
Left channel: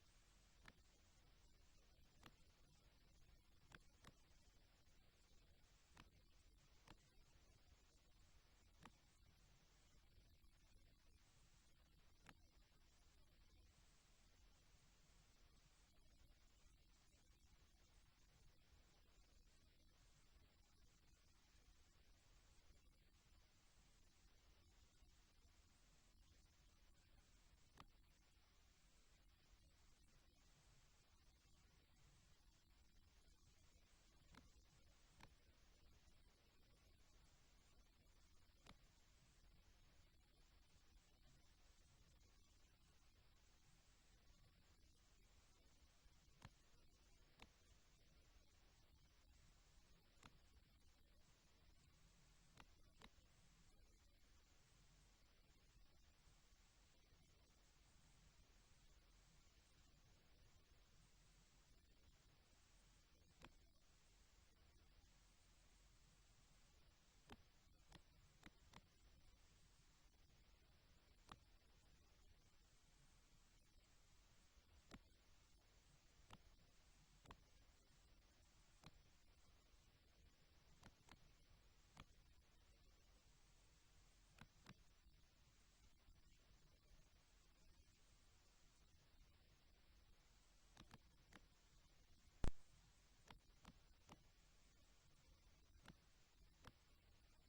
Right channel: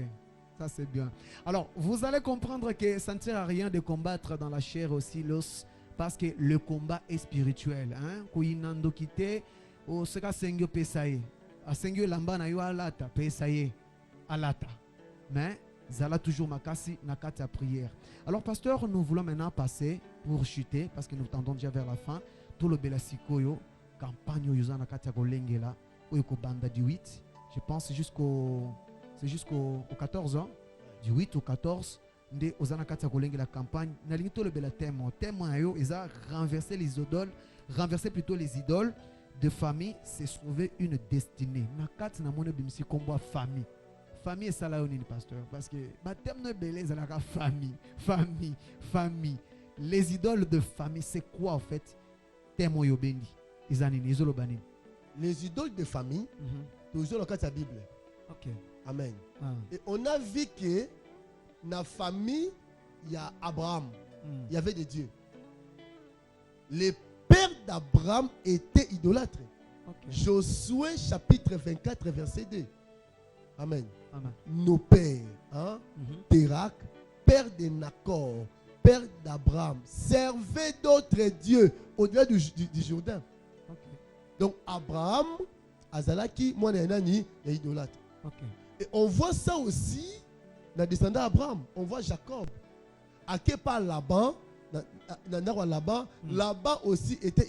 Ça c'est bien. Alors, vous allez comprendre que ça ne sert à rien de combattre dans la chair aussi l'os parce que le combat est spirituel, hein. Koinando kité o seka sengyo pesaye. A sengyo lamba na yo alata pesaye alata. Mais zala toujours makasi nakati à prière. Alors pasteur, nous voulons maintenant passer pour chuter parce que nous tendons déjà vers la fin. Tout le belasikoyo campagne yuza nakati ya kolengela oyeko banda du 8. Je pense jusqu'au 14 ans. Du 8 au 14 nde ozana kati ya kolengela campagne nalingi to le bela témoin. Témoin yo eza renverser plutôt les idoles de famille, c'est trouver une destinée. Nakati na mone bimisi kombo famille. Famille est ça là pasteur parce que baptême ne belé la famille. Les idoles de famille c'est quoi en fait? temo yo bendi. Izanini izolo banini. Les idoles de famille, toujours dans la Bible. OK. Amen. Ah. Et on a vu que dans la famille, il y a Abraham. Il y avait des dieux. Les pères d'Abraham étaient idolâtres. OK. Josué chapitre 24 verset 2. Amen. Amen. Nos pères, hein, Térak, père de Nacor, père d'Abraham, servaient d'autres dieux au-delà du Jourdain. OK. Donc Abraham, Azalaki, moi Nani, est idolâtre. OK. Et on voit ça aussi dans les descendants d'Abraham. On voit Jacob. À quel part Laban, Laban aussi était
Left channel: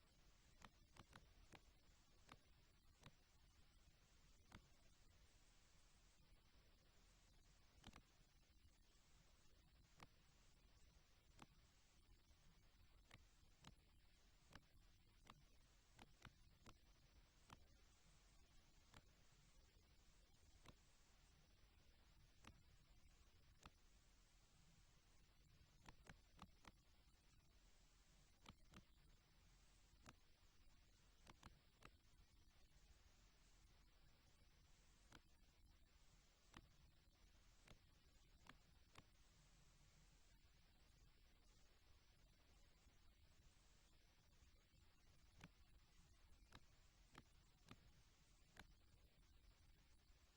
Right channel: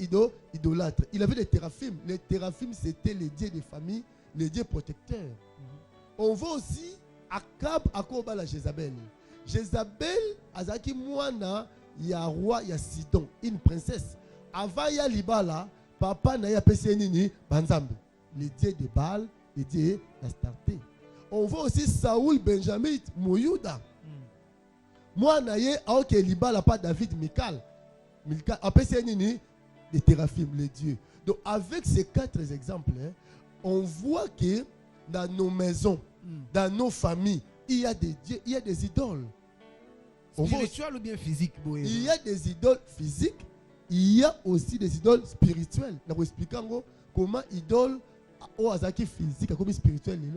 idolâtre. Il avait des téraphimes. Les téraphimes, c'était les dieux des familles, les dieux protecteurs. On voit aussi Akab, Akoba la Jézabel. Jézabel, Azaki Mouana, il y a un roi, il y a Sidon, une princesse. Avant ya Libala, papa n'a pas Nini, Banzambe. Les dieux de Baal, les dieux d'Astarté. On voit aussi Saoul, Benjamin, Mouyouda. Moi, naye, ok, Libala, pas David, Michal. Après, Nini, les téraphimes, les dieux. Donc, avec ces 4 exemples, hein, on voit que dans nos maisons, dans nos familles, il y a des dieux, il y a des idoles. Spirituel ou bien physique? Il y a des idoles physiques, il y a aussi des idoles spirituelles. Nous expliquons comment idole au azaki physique comme spirituel. Il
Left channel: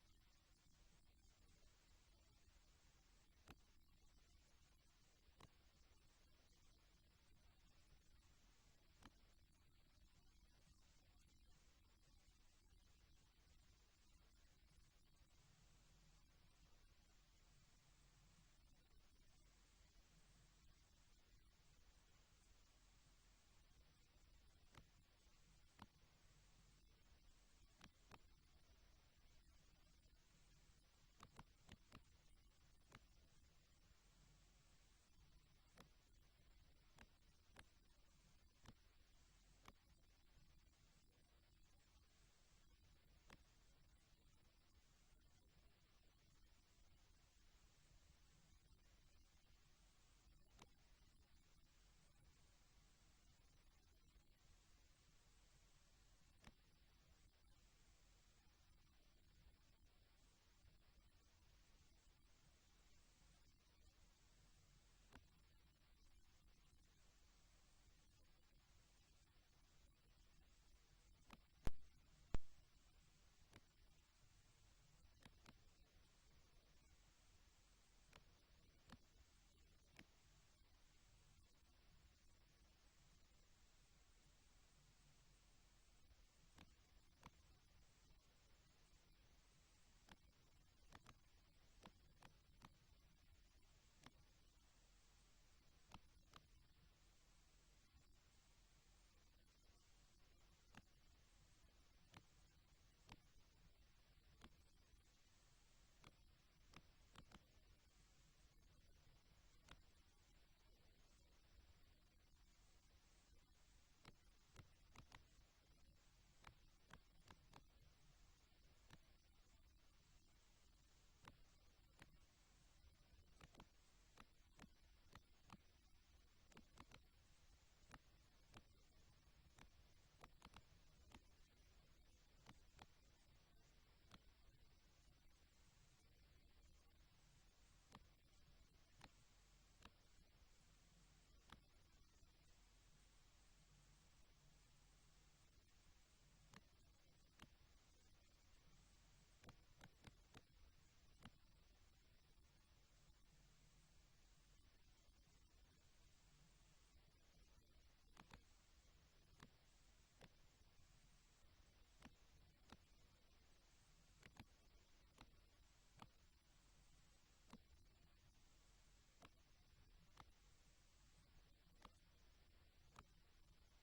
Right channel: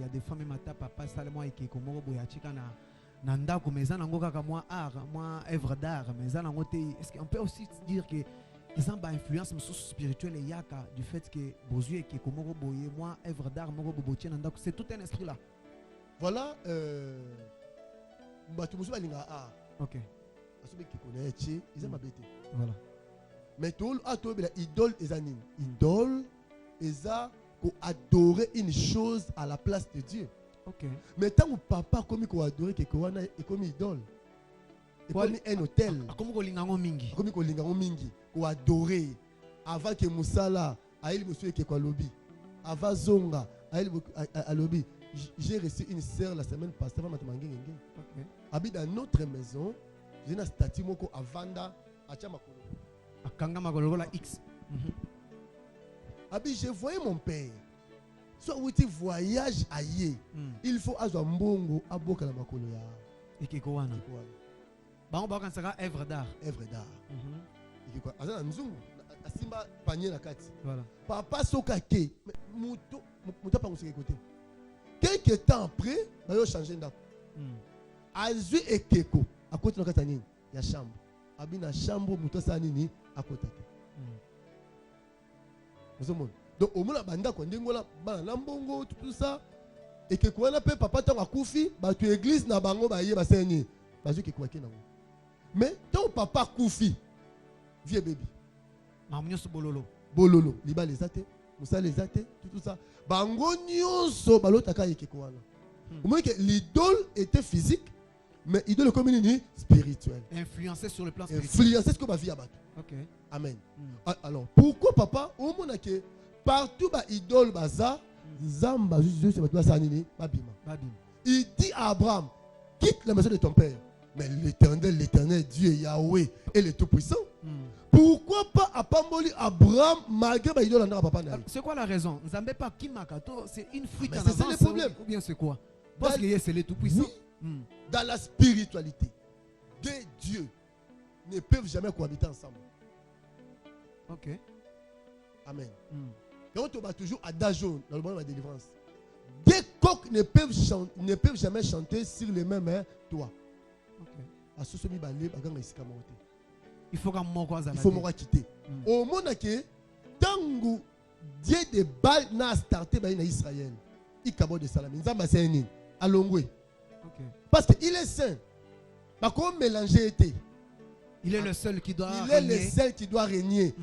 y a des femmes qui papa salemo et qui komoro boyachika na ndako meza nango kaka moi art, moi œuvre d'art, meza nango te. Est-ce qu'on peut aussi dire que ils ont une influence spirituelle et yaka du fait que bozu et que komoro boye moi œuvre d'art moro bobotie na ndako, c'est tout un esprit là. Voilà batu musu balinga art. OK. Asobe ki connaît ils aiment abété. Voilà. Mais tout atobe la idole ezanine. Idole eza pour adorer une chose à la place de Dieu. OK. Mais tant que papa comme il adorer quelque chose et comme idole. Et comme un hôtel. Comme kolingango mingi. Comme kolingango mingi. Ko adorer avant que Moussala aille monsieur ke kwa lobby. Avant Zonga aille à lobby. J'ai reçu une sœur la semaine passée avant matmangi ngenge. OK. Habite dans notre maison, j'ai un statut moko avanda acha makolo. Akanga makolo la X. Abi, je voyais mon père. Soit où tu voyages ailleurs, il faut avoir un bongo à boka la makolo ya. Et qui quoi na? Ba on ba kan saka œuvre d'art. Œuvre d'art. Et quoi? Azana nzungu, asimba panier na kati. Voilà. Papa soka ke, muto pa nguseke côté. Quelque temps après, ba yo changer ndako. Azui ekeko, à côté na kata nini? Ya chambre. Abi na chambre muto sa nini à côté. Donc au moins la banda quand ndingola bana lambongo tout ça et que quoi na pe papa tant akufi ba tu église na bango ba ye ba seni ba zu ke kwa kina. Mais ton papa kufi vieux bébé mamunyoso bololo liba les até musa les até tout ça bango nyonso balotaka ye ke quoi na. Au moins que l'idole était physique mais idole comme une spirituelle. Influencé sur le plan spirituel. Influencé ce que ma vie a battu. OK. Amen. Alors, pourquoi papa, au monde que partout ba idole baza, zamba juste c'est pas ça nini, babima. Il dit à Abraham, quitte la maison de ton père. Mais l'éternel Dieu Yahweh est le tout-puissant. Pourquoi pas à Pamboli Abraham malgré ba idole na papa na. C'est quoi la raison? Nzambe pas kimakato, c'est une fuite en avant. C'est le problème. Ou bien c'est quoi? Parce que c'est le tout-puissant. Oui, dans la spiritualité, deux dieux ne peuvent jamais cohabiter ensemble. OK. Amen. Donc on va toujours à Dajon dans le moment de la délivrance. Deux coqs ne peuvent jamais chanter sur les mêmes toits. OK. Il faut qu'on m'en quitter. Au monde que tangu Dieu de Baal n'a starté dans Israël. Il kabo de Salam. Nzamba c'est nini alongwe. OK. Parce qu'il est saint. Pas comme mélanger été. Il est le seul qui doit régner. Il est le seul qui doit régner.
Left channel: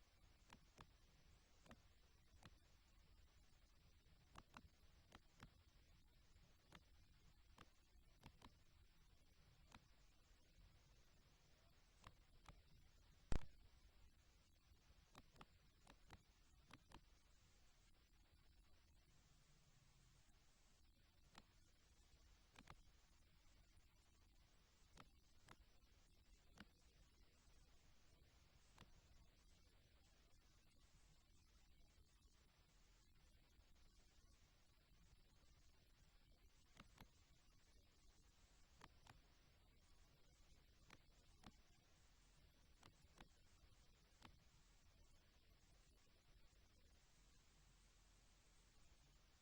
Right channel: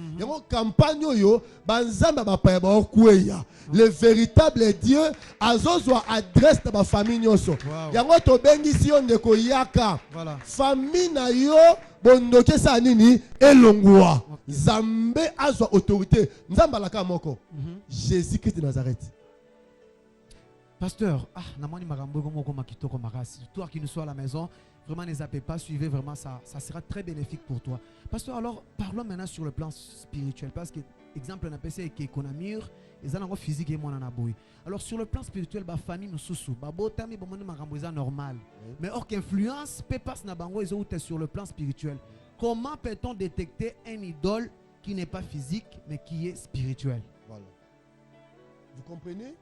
Campagne yo banzamba bapaya ba okueya. Le véritable Dieu azozwa adresse de ma famille nyoso. Yango to bengi si on ndeko yaka. Voilà. Famille na yo bondoke sa nini elongwa. Zambe azwa autorité. Nzamba laka moko. Jésus Christ de Nazareth. Pasteur, toi qui nous sois à la maison, vraiment ne zappez pas, suivez vraiment ça, ça sera très bénéfique pour toi. Pasteur, alors parlons maintenant sur le plan spirituel, parce que exemple on a pensé que économie, ils ont physique et mon anaboui. Alors sur le plan spirituel, ba famille nous sous, ba botami ba mon maramboisa normal. Mais or qu'influence peut passer na bango ils ont sur le plan spirituel. Comment peut-on détecter un idole qui n'est pas physique mais qui est spirituel? Voilà. Vous comprenez?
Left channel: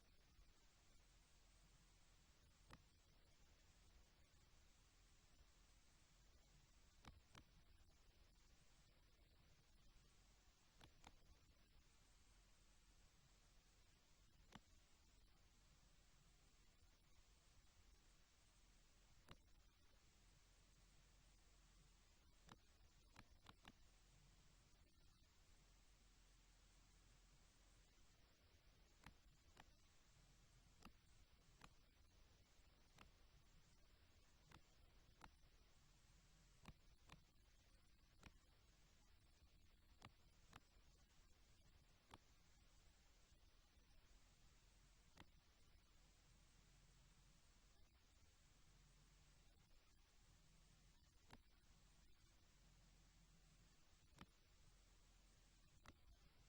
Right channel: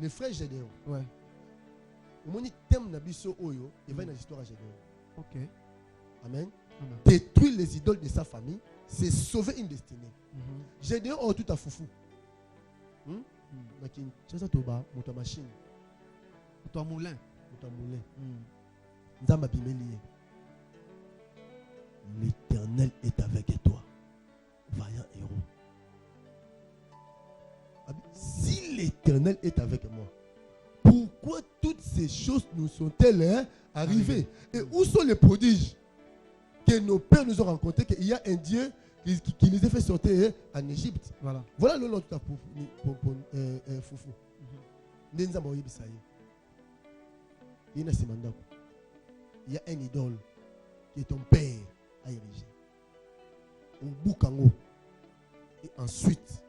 Les frères Gédéon. Ouais. Au moment où thème Nabiso Oyo, il va dans l'histoire à Gédéon. Ok. Amen. Amen. Détruire les idoles de sa famille, c'est sauver une destinée. Gédéon a tout à foufou. C'est ça, Toba, mon machine. Ton moulin. Mon moulin. Nzamba Bimelié. L'Éternel est avec toi. Vaillant héros. Si l'Éternel est avec moi, pourquoi toutes ces choses nous sont-elles arrivées? Et où sont les prodiges que nos pères nous ont rencontrés? Qu'il y a un Dieu qui les a fait sortir en Égypte. Voilà le nom de ta foufou. Il y a un idole que ton père a érigé. Au Boukango. Et ensuite,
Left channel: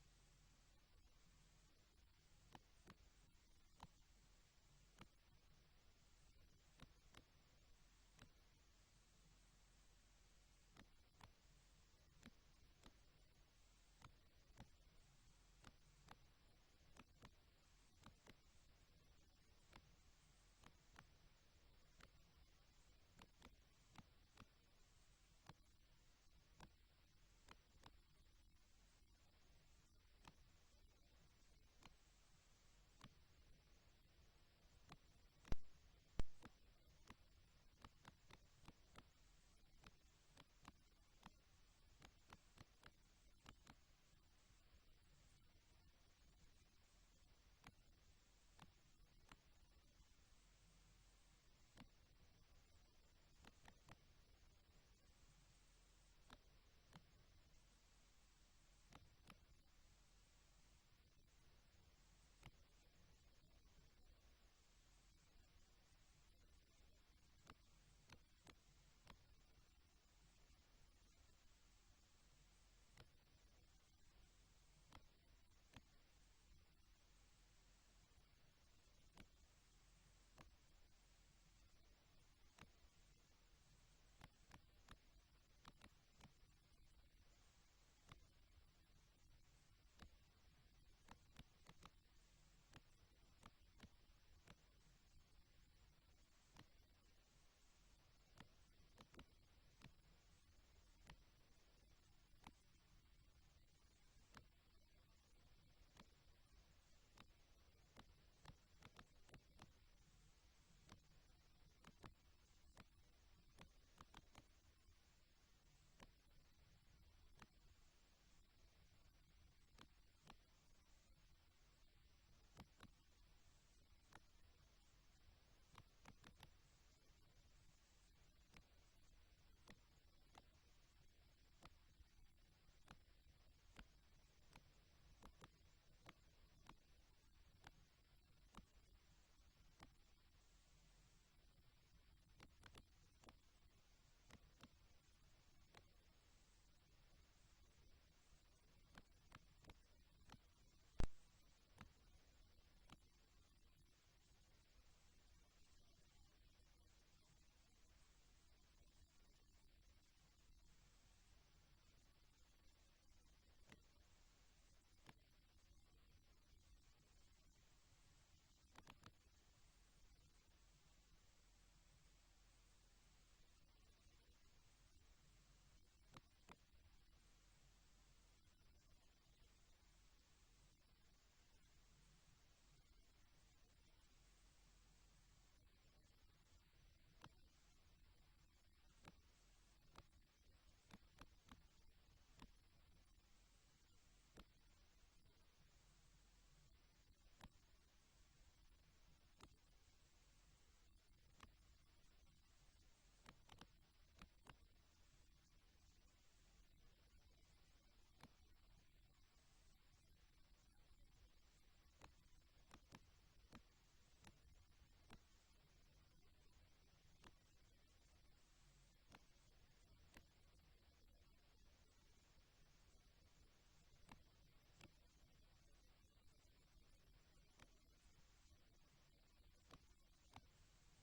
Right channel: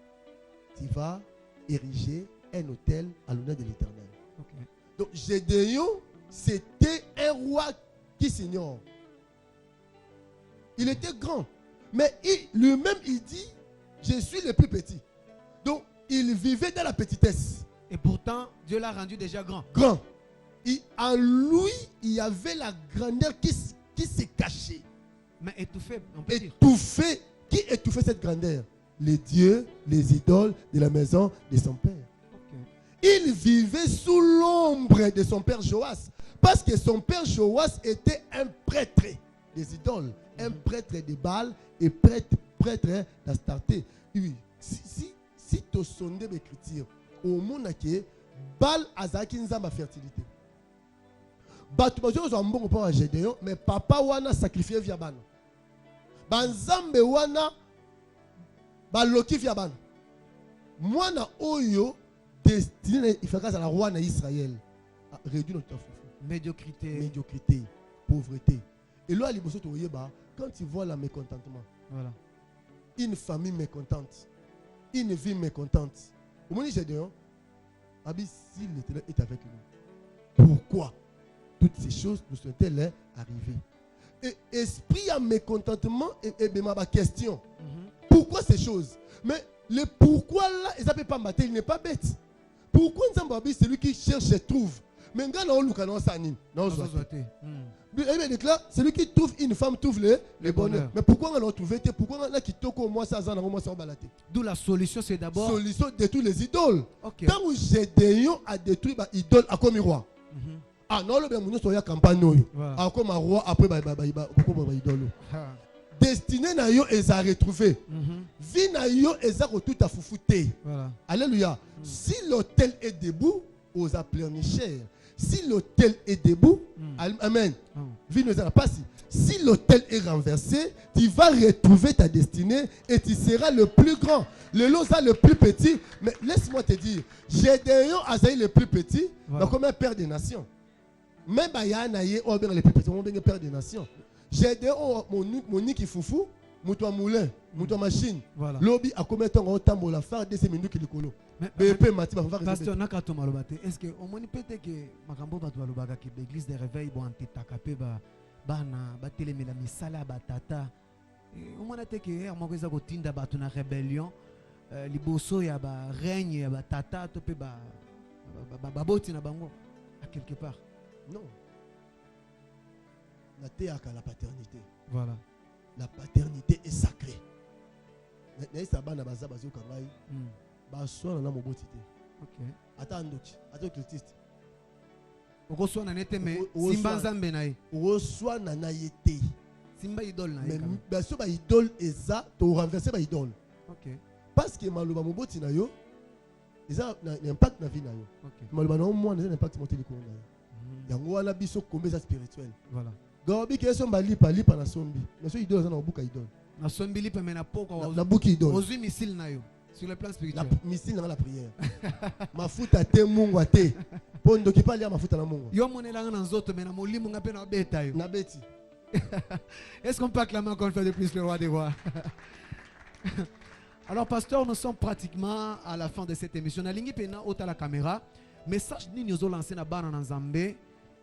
tu vas ériger un hôtel à l'honneur de l'Éternel. Okay. Donc Gédéon, c'était un roi qui s'ignore. Il était grand. Mais lui-même, il dit, je suis le plus petit. Donc, il vivait dans la petitesse. Et pourtant, Dieu l'a rendu déjà grand. Grand. En lui, il y avait la grandeur qui s'est cachée. Mais étouffé, on peut dire. Étouffé. Qui étouffait cette grandeur? Les dieux, les idoles de la maison de son père. Okay. Il vivait sous l'ombre de son père Joas. Parce que son père Joas était un prêtre des idoles. Un prêtre de Baal et prêtre d'Astarté. Oui. Si tu sondes l'écriture, au monde qui Baal azaki nzamba fertilité. Batu bazo mbongo pa Gédéon, mais papa wana sacrifié via bana. Banzambe wana baloki via bana. Mwana oyo destiné il faut grâce à la roi d'Israël. Réduit notre médiocrité, pauvreté. Et là quand tu vois le mécontentement, voilà. Une famille mécontente, une vie mécontente. Au moment où Gédéon, si l'Éternel est avec nous, pourquoi toutes ces choses nous sont-elles arrivées? Et esprit à mécontentement et ma question. Pourquoi ces choses? Mais le pourquoi là, il ne peut pas mater, il n'est pas bête. Pourquoi Nzambabi, celui qui cherche se trouve? Mais celui qui trouve une femme trouve le bonheur. Mais pourquoi on l'a trouvé? Pourquoi on a quitté au moins ça? D'où la solution, c'est d'abord. Solution détruire les idoles. Okay. Quand Gédéon a détruit les idoles à comme roi. Ah non, le bien mon soya campagne. À comme roi après idole. Destiné na yo est à retrouver. Vie na yo est à tout à foufouter. Alléluia. Si l'hôtel est debout, aux pleurnichères. Si l'hôtel est debout, amen. Vie nous a pas si l'hôtel est renversé, tu vas retrouver ta destinée et tu seras le plus grand. Le Loza le plus petit, mais laisse-moi te dire, Gédéon a le plus petit, comme un père des nations. Même Bayanaye, on va le plus petit, on va père des nations. Gédéon, mon niki foufou, mon moulin, mon machine. Lobby a combien de temps on tambour la faire de ces minutes qui le colo. Pasteur Nakato Malobate, est-ce que au moins peut-être que Makambo Batoualobaka que l'église des réveils bon antitakape bana bateleme la misala batata. Au moins peut-être que à mokoza kotinda batu na rébellion liboso ya ba règne ya batata to pe ba boti na bango à quelque part. Non. La théâtre la paternité. Voilà. La paternité est sacrée. N'est-ce pas bana baza bazo kangai? Baswa na moboti te. OK. Ata ndoki, ata cultiste. Okoswa na nete me simba nzambe na ye. Okoswa na na yete. Simba idole na ye. Mais baso ba idole eza to renverser ba idole. OK. Parce que maloba moboti na yo, eza na impact na vie na yo. OK. Maloba na mo na impact moté likolo na yo. Yango wana biso kombeza spirituel. Voilà. Gobi ke somba lipa na sombi. Mais so idole za na buka idole. Na sombi lipa me na poko na buki idole. Ozui misil na yo. Sur le plan La spirituel. missile dans la prière. Ma futa te mungu te. Pondo qui parle ma futa na mungu. Yo monela na nzoto mais na molimo nga pe na beta yo. Na beti. Est-ce qu'on peut acclamer encore une fois de plus le roi des rois? Alors, pasteur, nous sommes pratiquement à la fin de cette émission. Nalingi pena ota la caméra. Message ni nous lancé na bana na Nzambe.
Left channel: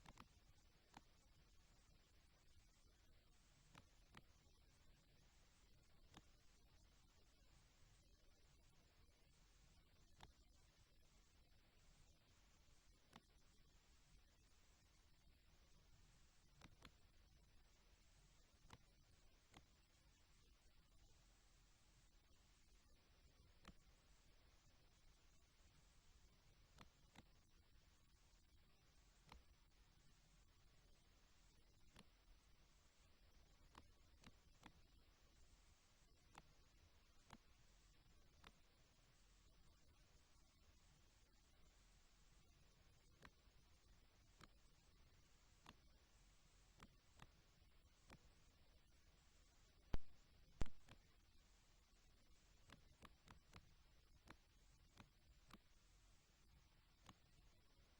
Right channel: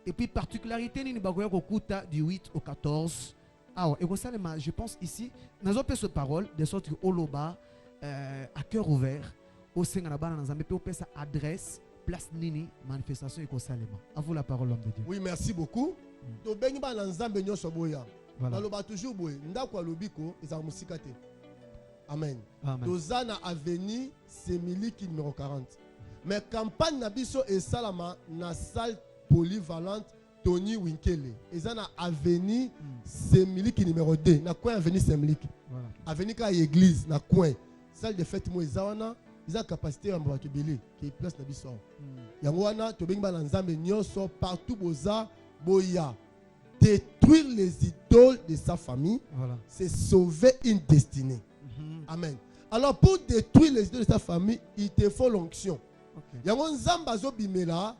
Et puis, particularité ni bagoya kokuta du 8 au 14. Ah ouais, et comme ça, je pense ici, nous avons fait cette parole, de sorte que Oloba, à cœur ouvert, au sein de la bana na Nzambe, puis on sa adresse, place nini, manifestation et consalema. À vous la parole, l'homme de Dieu. Oui, merci beaucoup. To bengi ba na Nzambe nyoso boya. Voilà. Naloba toujours boye. Ndako alobiko eza musika te. Amen. Amen. Tozana avenue Semiliki numéro 40. Mais campagne na biso et salama na salle polyvalente Tony Winkele. Ezana avenue Semiliki numéro 2. Na coin avenue Semiliki. Voilà. Avenue ka église na coin. Salle de fête mo ezawana. Ils capacité à mbato belé qui est place na biso. Yango wana to bengi ba na Nzambe nyonso partout boza boya. Détruire les idoles de sa famille, Voilà. c'est sauver une destinée. Amen. Alors pour détruire les idoles de sa famille, il te faut l'onction. Yango Nzamba zo bimela,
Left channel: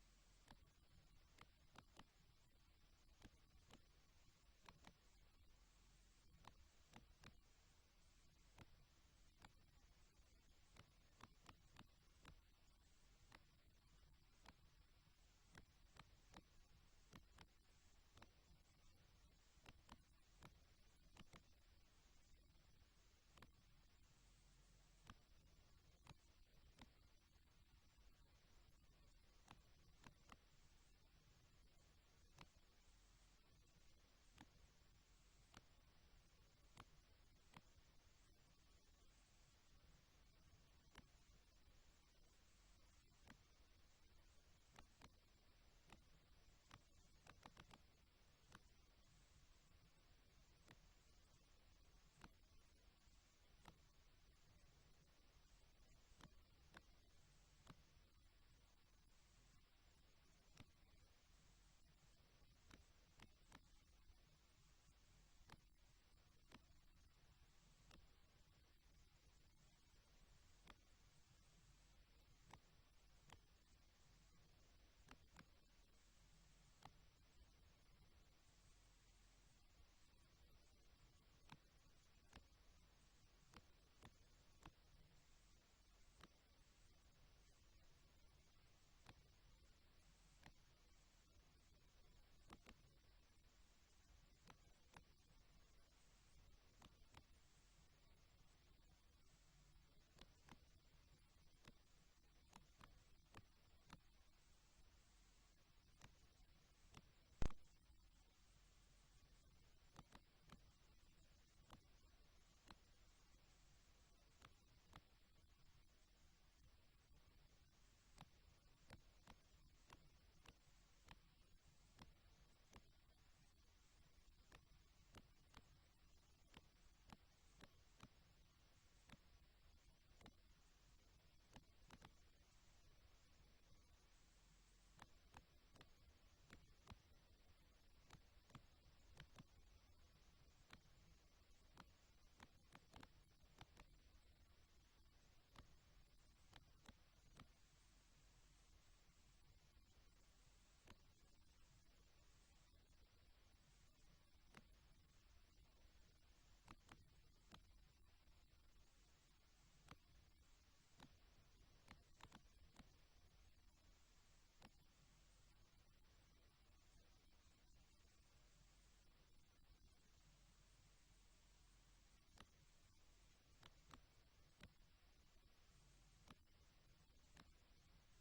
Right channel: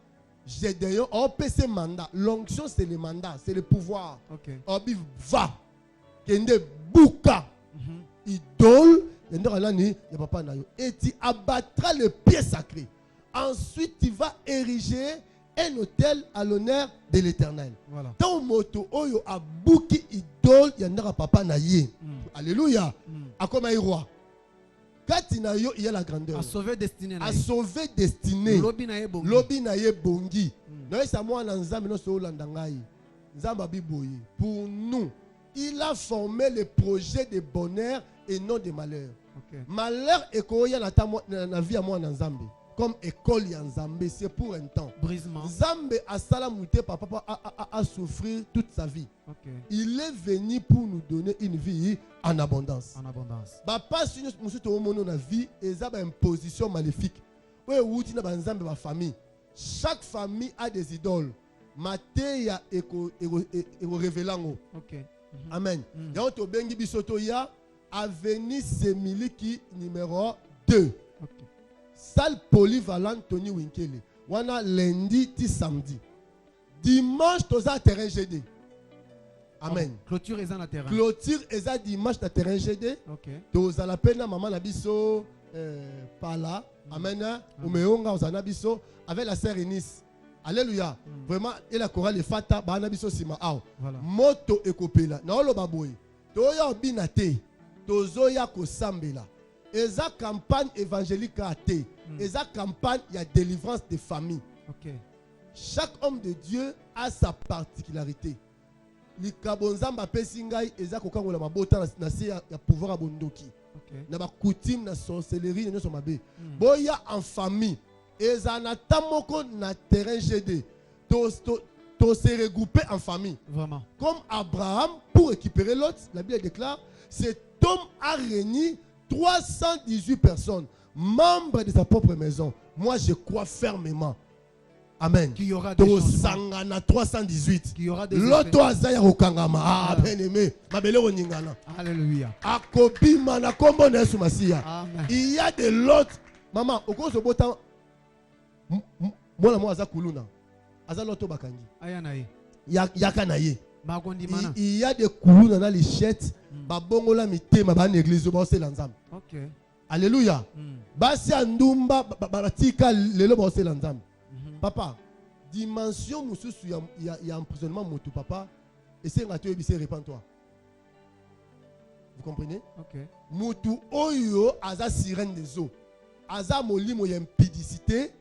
j'ai d'ailleurs on peut ce mandat. L'onction c'est le mandat, c'est le pouvoir. Obi va. Kende buka. Idole, yende alani ya papa na yo. Et tu abattras le pied sacré. Ensuite tu vas ériger un hôtel à l'honneur de l'Éternel. Voilà. Ton moto oyo abuki idole yandera papa na ye. Alléluia. Akoma roi. Katina yo il y a la grandeur. À sauver destinée. À sauver destinée. Lobi na ye bongi. Lobi na ye bongi. Noé sa moi na Nzambe no so landa ngai. Nzamba biboye. Pour nous, il a formé le projet de bonheur et non de malheur. Malheur et koya na vie à moi na Nzambe. Comme école ya Nzambe, c'est pour un temps. Brisement. Nzambe a salamouté papa a souffrir toute sa vie. Il est venu pour nous donner une vie en abondance. En abondance. Papa si nous sommes na vie, et ça une position maléfique. Oui, outi na Nzambe ba famille. Chaque famille a des idoles. Mateya eko révélango. Amen. Ya to bengi bisoto ya avenue Semiliki numéro 2. Salle polyvalente Tony Winkele. Wana lundi ti samedi. Dimanche toza terrain GD. Amen. Clôture est en terrain. Clôture est dimanche na terrain GD. Toza la pena maman na biso pala. Amen. Umeonga ozana biso avec la sœur Eunice. Alléluia. Vraiment et la chorale de Fata ba na biso sima aw. Moto ekopela. Na olo baboy. Toya obinate. Tozoya ko sambela. Eza campagne évangélique a été. Eza campagne, il y a délivrance des familles. Chaque homme de Dieu a sa particularité. Les kabonzamba pesingai eza kokangola mabota na se ya pouvoir abondoki. Na ba coutume na sorcellerie na so mabe. Boya en famille. Eza na tamoko na terrain GD. To se regrouper en famille. Vraiment. Comme Abraham pour récupérer l'autre, la Bible déclare, cet homme a réuni 318 personnes, membres de sa propre maison. Moi, je crois fermement. Amen. Qu'il y aura des changements. 318. Qu'il y aura des L'autre azaya okangama. Ah, bien aimé. Mabele oningana. Alléluia. Akobi mana kombo na Yesu Masia. Il y a de l'autre. Maman, au cours de botan, moi aza kuluna. Aza l'autre bakangi. Ayanaye. Yakanaye. Il y a des kuluna na lichette. Babongola mitema ba l'église ba se lanzam. Alléluia. Basi andumba baratika lelo ba se lanzam. Papa, dimension mususu ya emprisonnement motu papa et c'est ngatu ebise repens-toi. Vous comprenez? Motu oyo aza sirène des eaux. Aza molimo ya impudicité.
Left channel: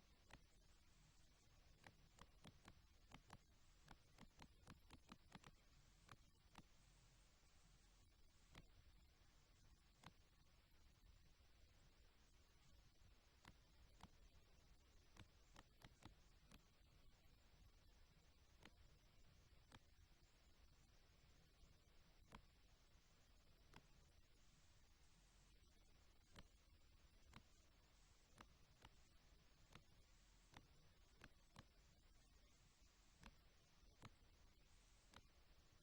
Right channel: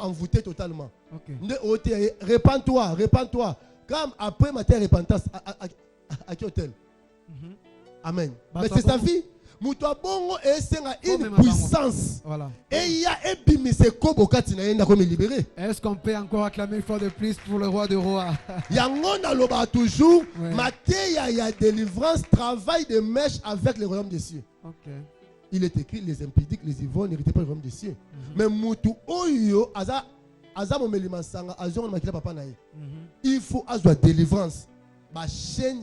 Envoûté totalement. Repends-toi, repends-toi. Comme après ma terre repentance, à quel hôtel? Amen. Mais c'est sa vie. Moutoua bongo et une puissance. Et il y a un bimise kobo katina yenda comme libéré. Est-ce qu'on peut encore acclamer une fois de plus pour le roi de rois? Yangon loba toujours. Matéya y a délivrance, travail de mèche avec le royaume des cieux. Il est écrit les impudiques, les ivrognes n'héritaient pas le royaume des cieux. Mais Moutou Oyo, Aza Momelima Sanga, Azon Makila Papa Nae. Il faut avoir délivrance. ma chaîne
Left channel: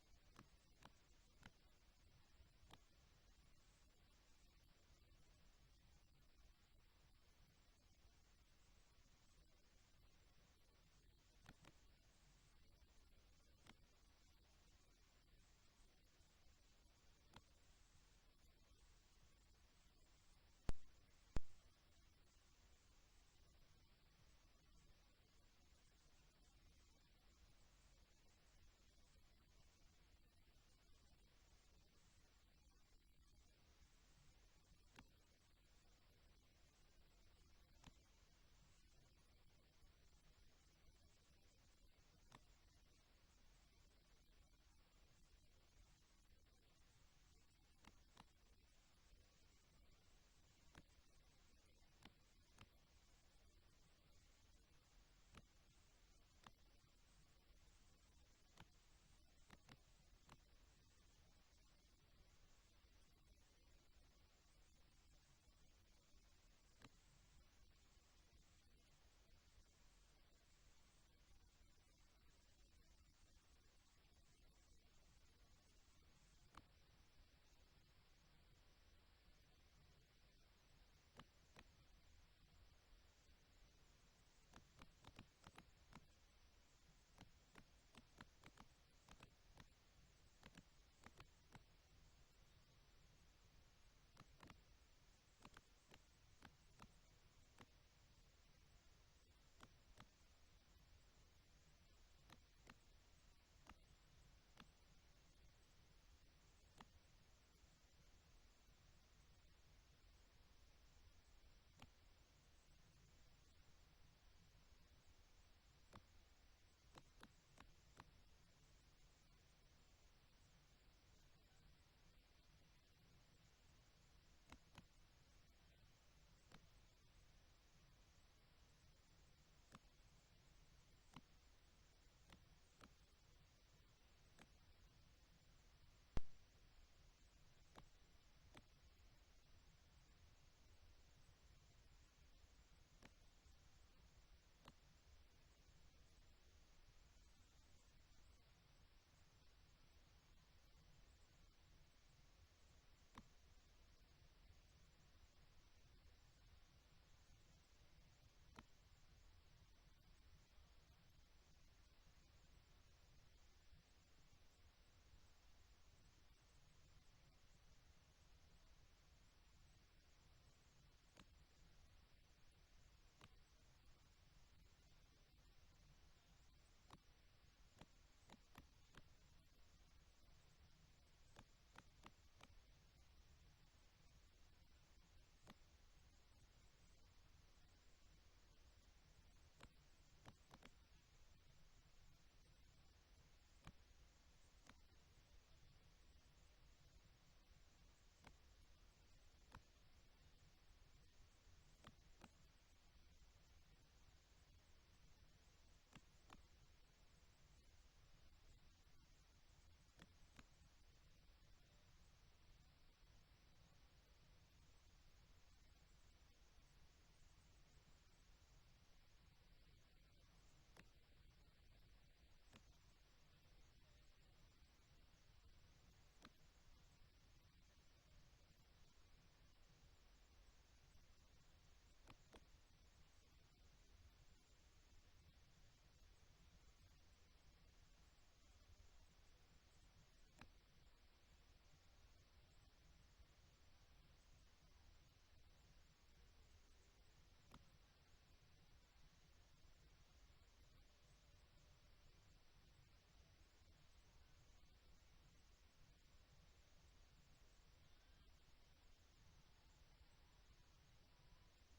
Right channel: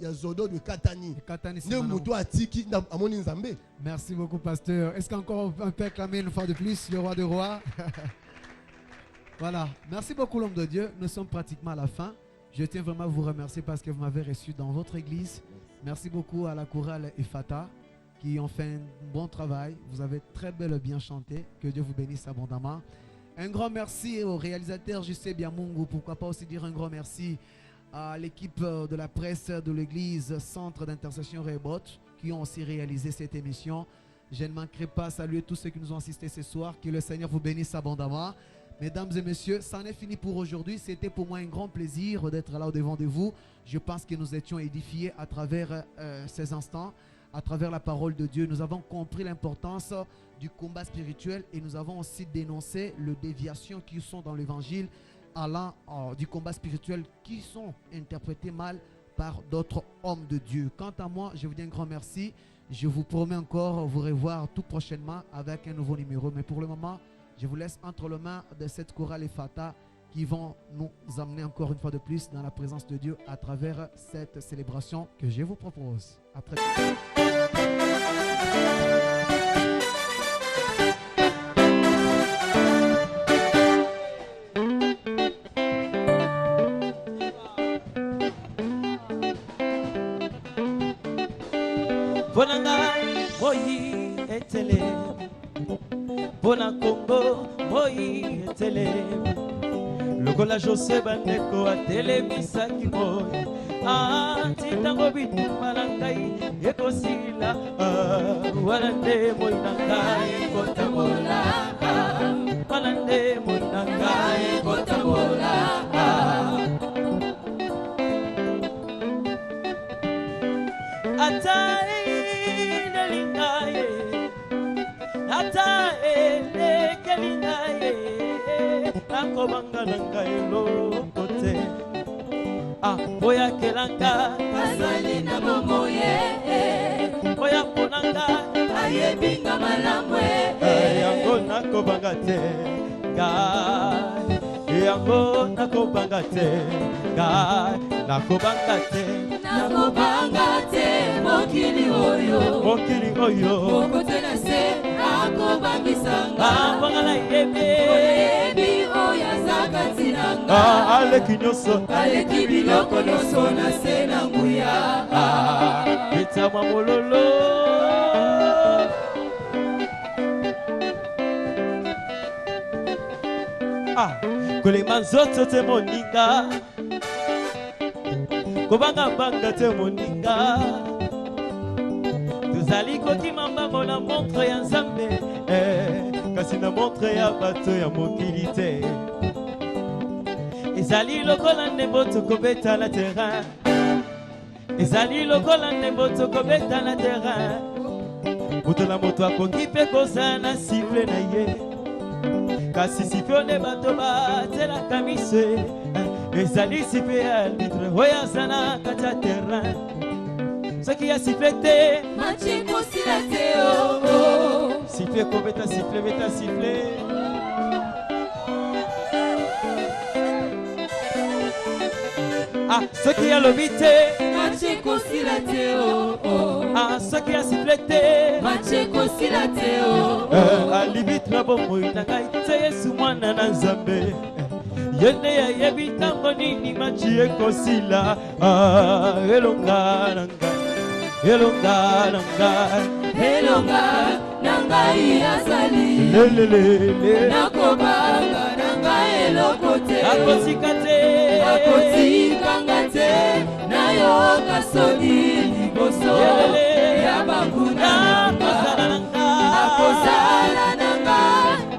ya zodo de katani Katani ne Simano. muto atiki na amoni nzambe. Merci beaucoup, pasteur. Est-ce qu'encore on peut acclamer une fois de plus le roi des rois? Voilà. Merci beaucoup, l'homme de Dieu. Nous sommes pratiquement à la fin. Je tiens vraiment à vous remercier parce que vous m'avez reçu dans votre église. Merci beaucoup à la chorale Efata qui ont fait un bon travail. Vous avez très bel et bien chanté. Que Dieu vous bénisse abondamment. Un grand merci au réalisateur Justin Biamungu. Pourquoi pas aussi dire un grand merci à l'équipe de la presse de l'église Centre d'intercession Rebot qui ont aussi réalisé cette émission. Je ne manquerai pas à saluer tous ceux qui nous ont assistés ce soir. Que le Seigneur vous bénisse abondamment. Mesdames et messieurs, ça en est fini pour aujourd'hui. C'était pour moi un grand plaisir d'être là au-devant de vous. Je pense que nous étions édifiés à travers ces instants, à travers la parole de Dieu. Nous avons compris l'importance du combat spirituel et nous avons aussi dénoncé les déviations qui sont dans l'évangile allant du combat spirituel qui sont interprétés mal par d'autres hommes de Dieu. Quant à moi, je vous dis un grand merci. Je vous promets encore vous revoir tout prochainement avec un nouveau numéro. Mais pour le moment, je vous laisse entre les mains de cette chorale Efata qui vont nous amener encore une fois de plus dans la présence de Dieu à travers cette célébration que je vous propose. À très Bonanga moyi etele Bona Congo moyi etele Lokola José Bandeko atele misaki moyi Titango bitu malangai ekosila Walande moyi nangai kotabola Walande moyi nangai kotabola Atai nelingaye Atai lekelingaye Nakobanga nangaye lokote Boya kelanga Azali na momoye Boya ponanga Ayebinga malamwe Yango nakobanga te Yango nakobanga te Nakobanga te Nakobanga te mokili oyo Mokili oyo Mokote na se akobangisanga Bangala yebe Oyebi oya zakati nanga Aleki nyoso Aleki biloko nyonso na se na nguya Bitama mololo Kolema nzoto te moninga Kobanga banga te moninga Tozali kokima mbango na montre ya Nzambe Kasi na montre ya bato ya mokili te Ezali lokola ndembo tokobeta na terrain Ezali lokola ndembo tokobeta na terrain Moto na moto akoki mpe kozala na siffle na ye Kasi siffle ne bato batelaka miso Ezali siffle ya arbitre oyo aza na kati ya terrain Soki ya siffle te Machi kosila te Siffle kobeta siffle beta siffle Soki ya lobi te Machi kosila te Soki ya siffle te Machi kosila te Alibitra bomoi na ngai te Yesu mwana na Nzambe Yende ya yebi tango nini machi ekosila Elonga na ngai Elonga na ngai Elonga na ngai azali Lelelele Nakobanga na ngai eloko te Akotika te Akotikanga te Nayoka soni liboso Ya bakuna nanga Akozala nanga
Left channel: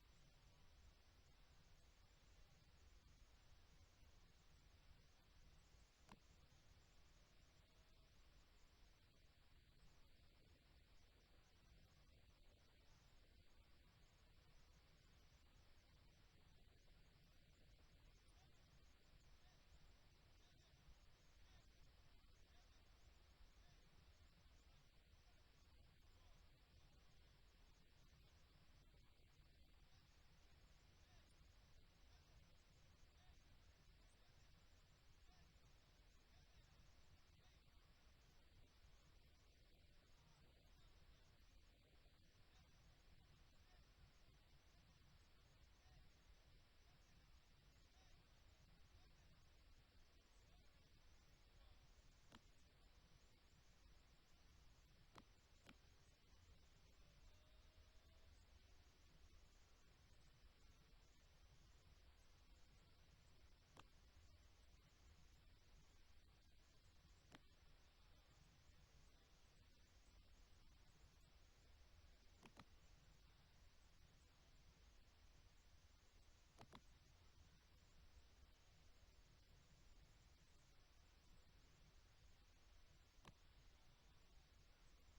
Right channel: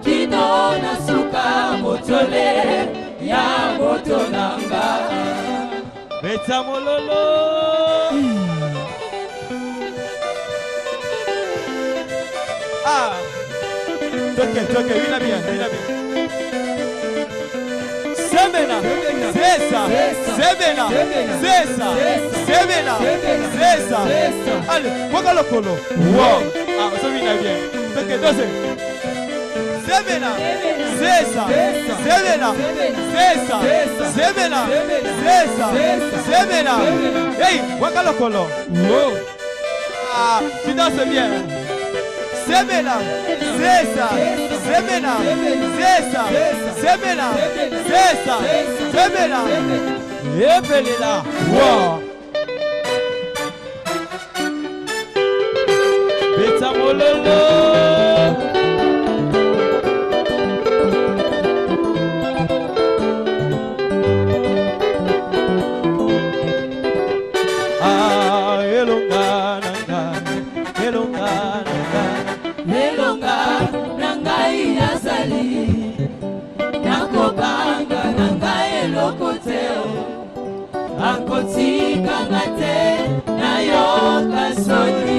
Kino na suka motole Ya moto nanga Beta mololo Toke, vina bien Semena, Zesa, Semena, Zesa, Semena, Zesa Allez, poka lokolo Wow, ça vina bien Toke, dose Semena, Zesa, Zemela. Zesa. Zemela. Zesa. Zemela. Hey, wakalokolo. Ah, tu danses bien. Zemela. Zesa. Zemela. Zesa. Zemela. Zesa. Zemela. Epelela. Wow. Beta mololo. Elonga nangai nazali nakobanga nangai elokoteo akotika ngate nayoka soni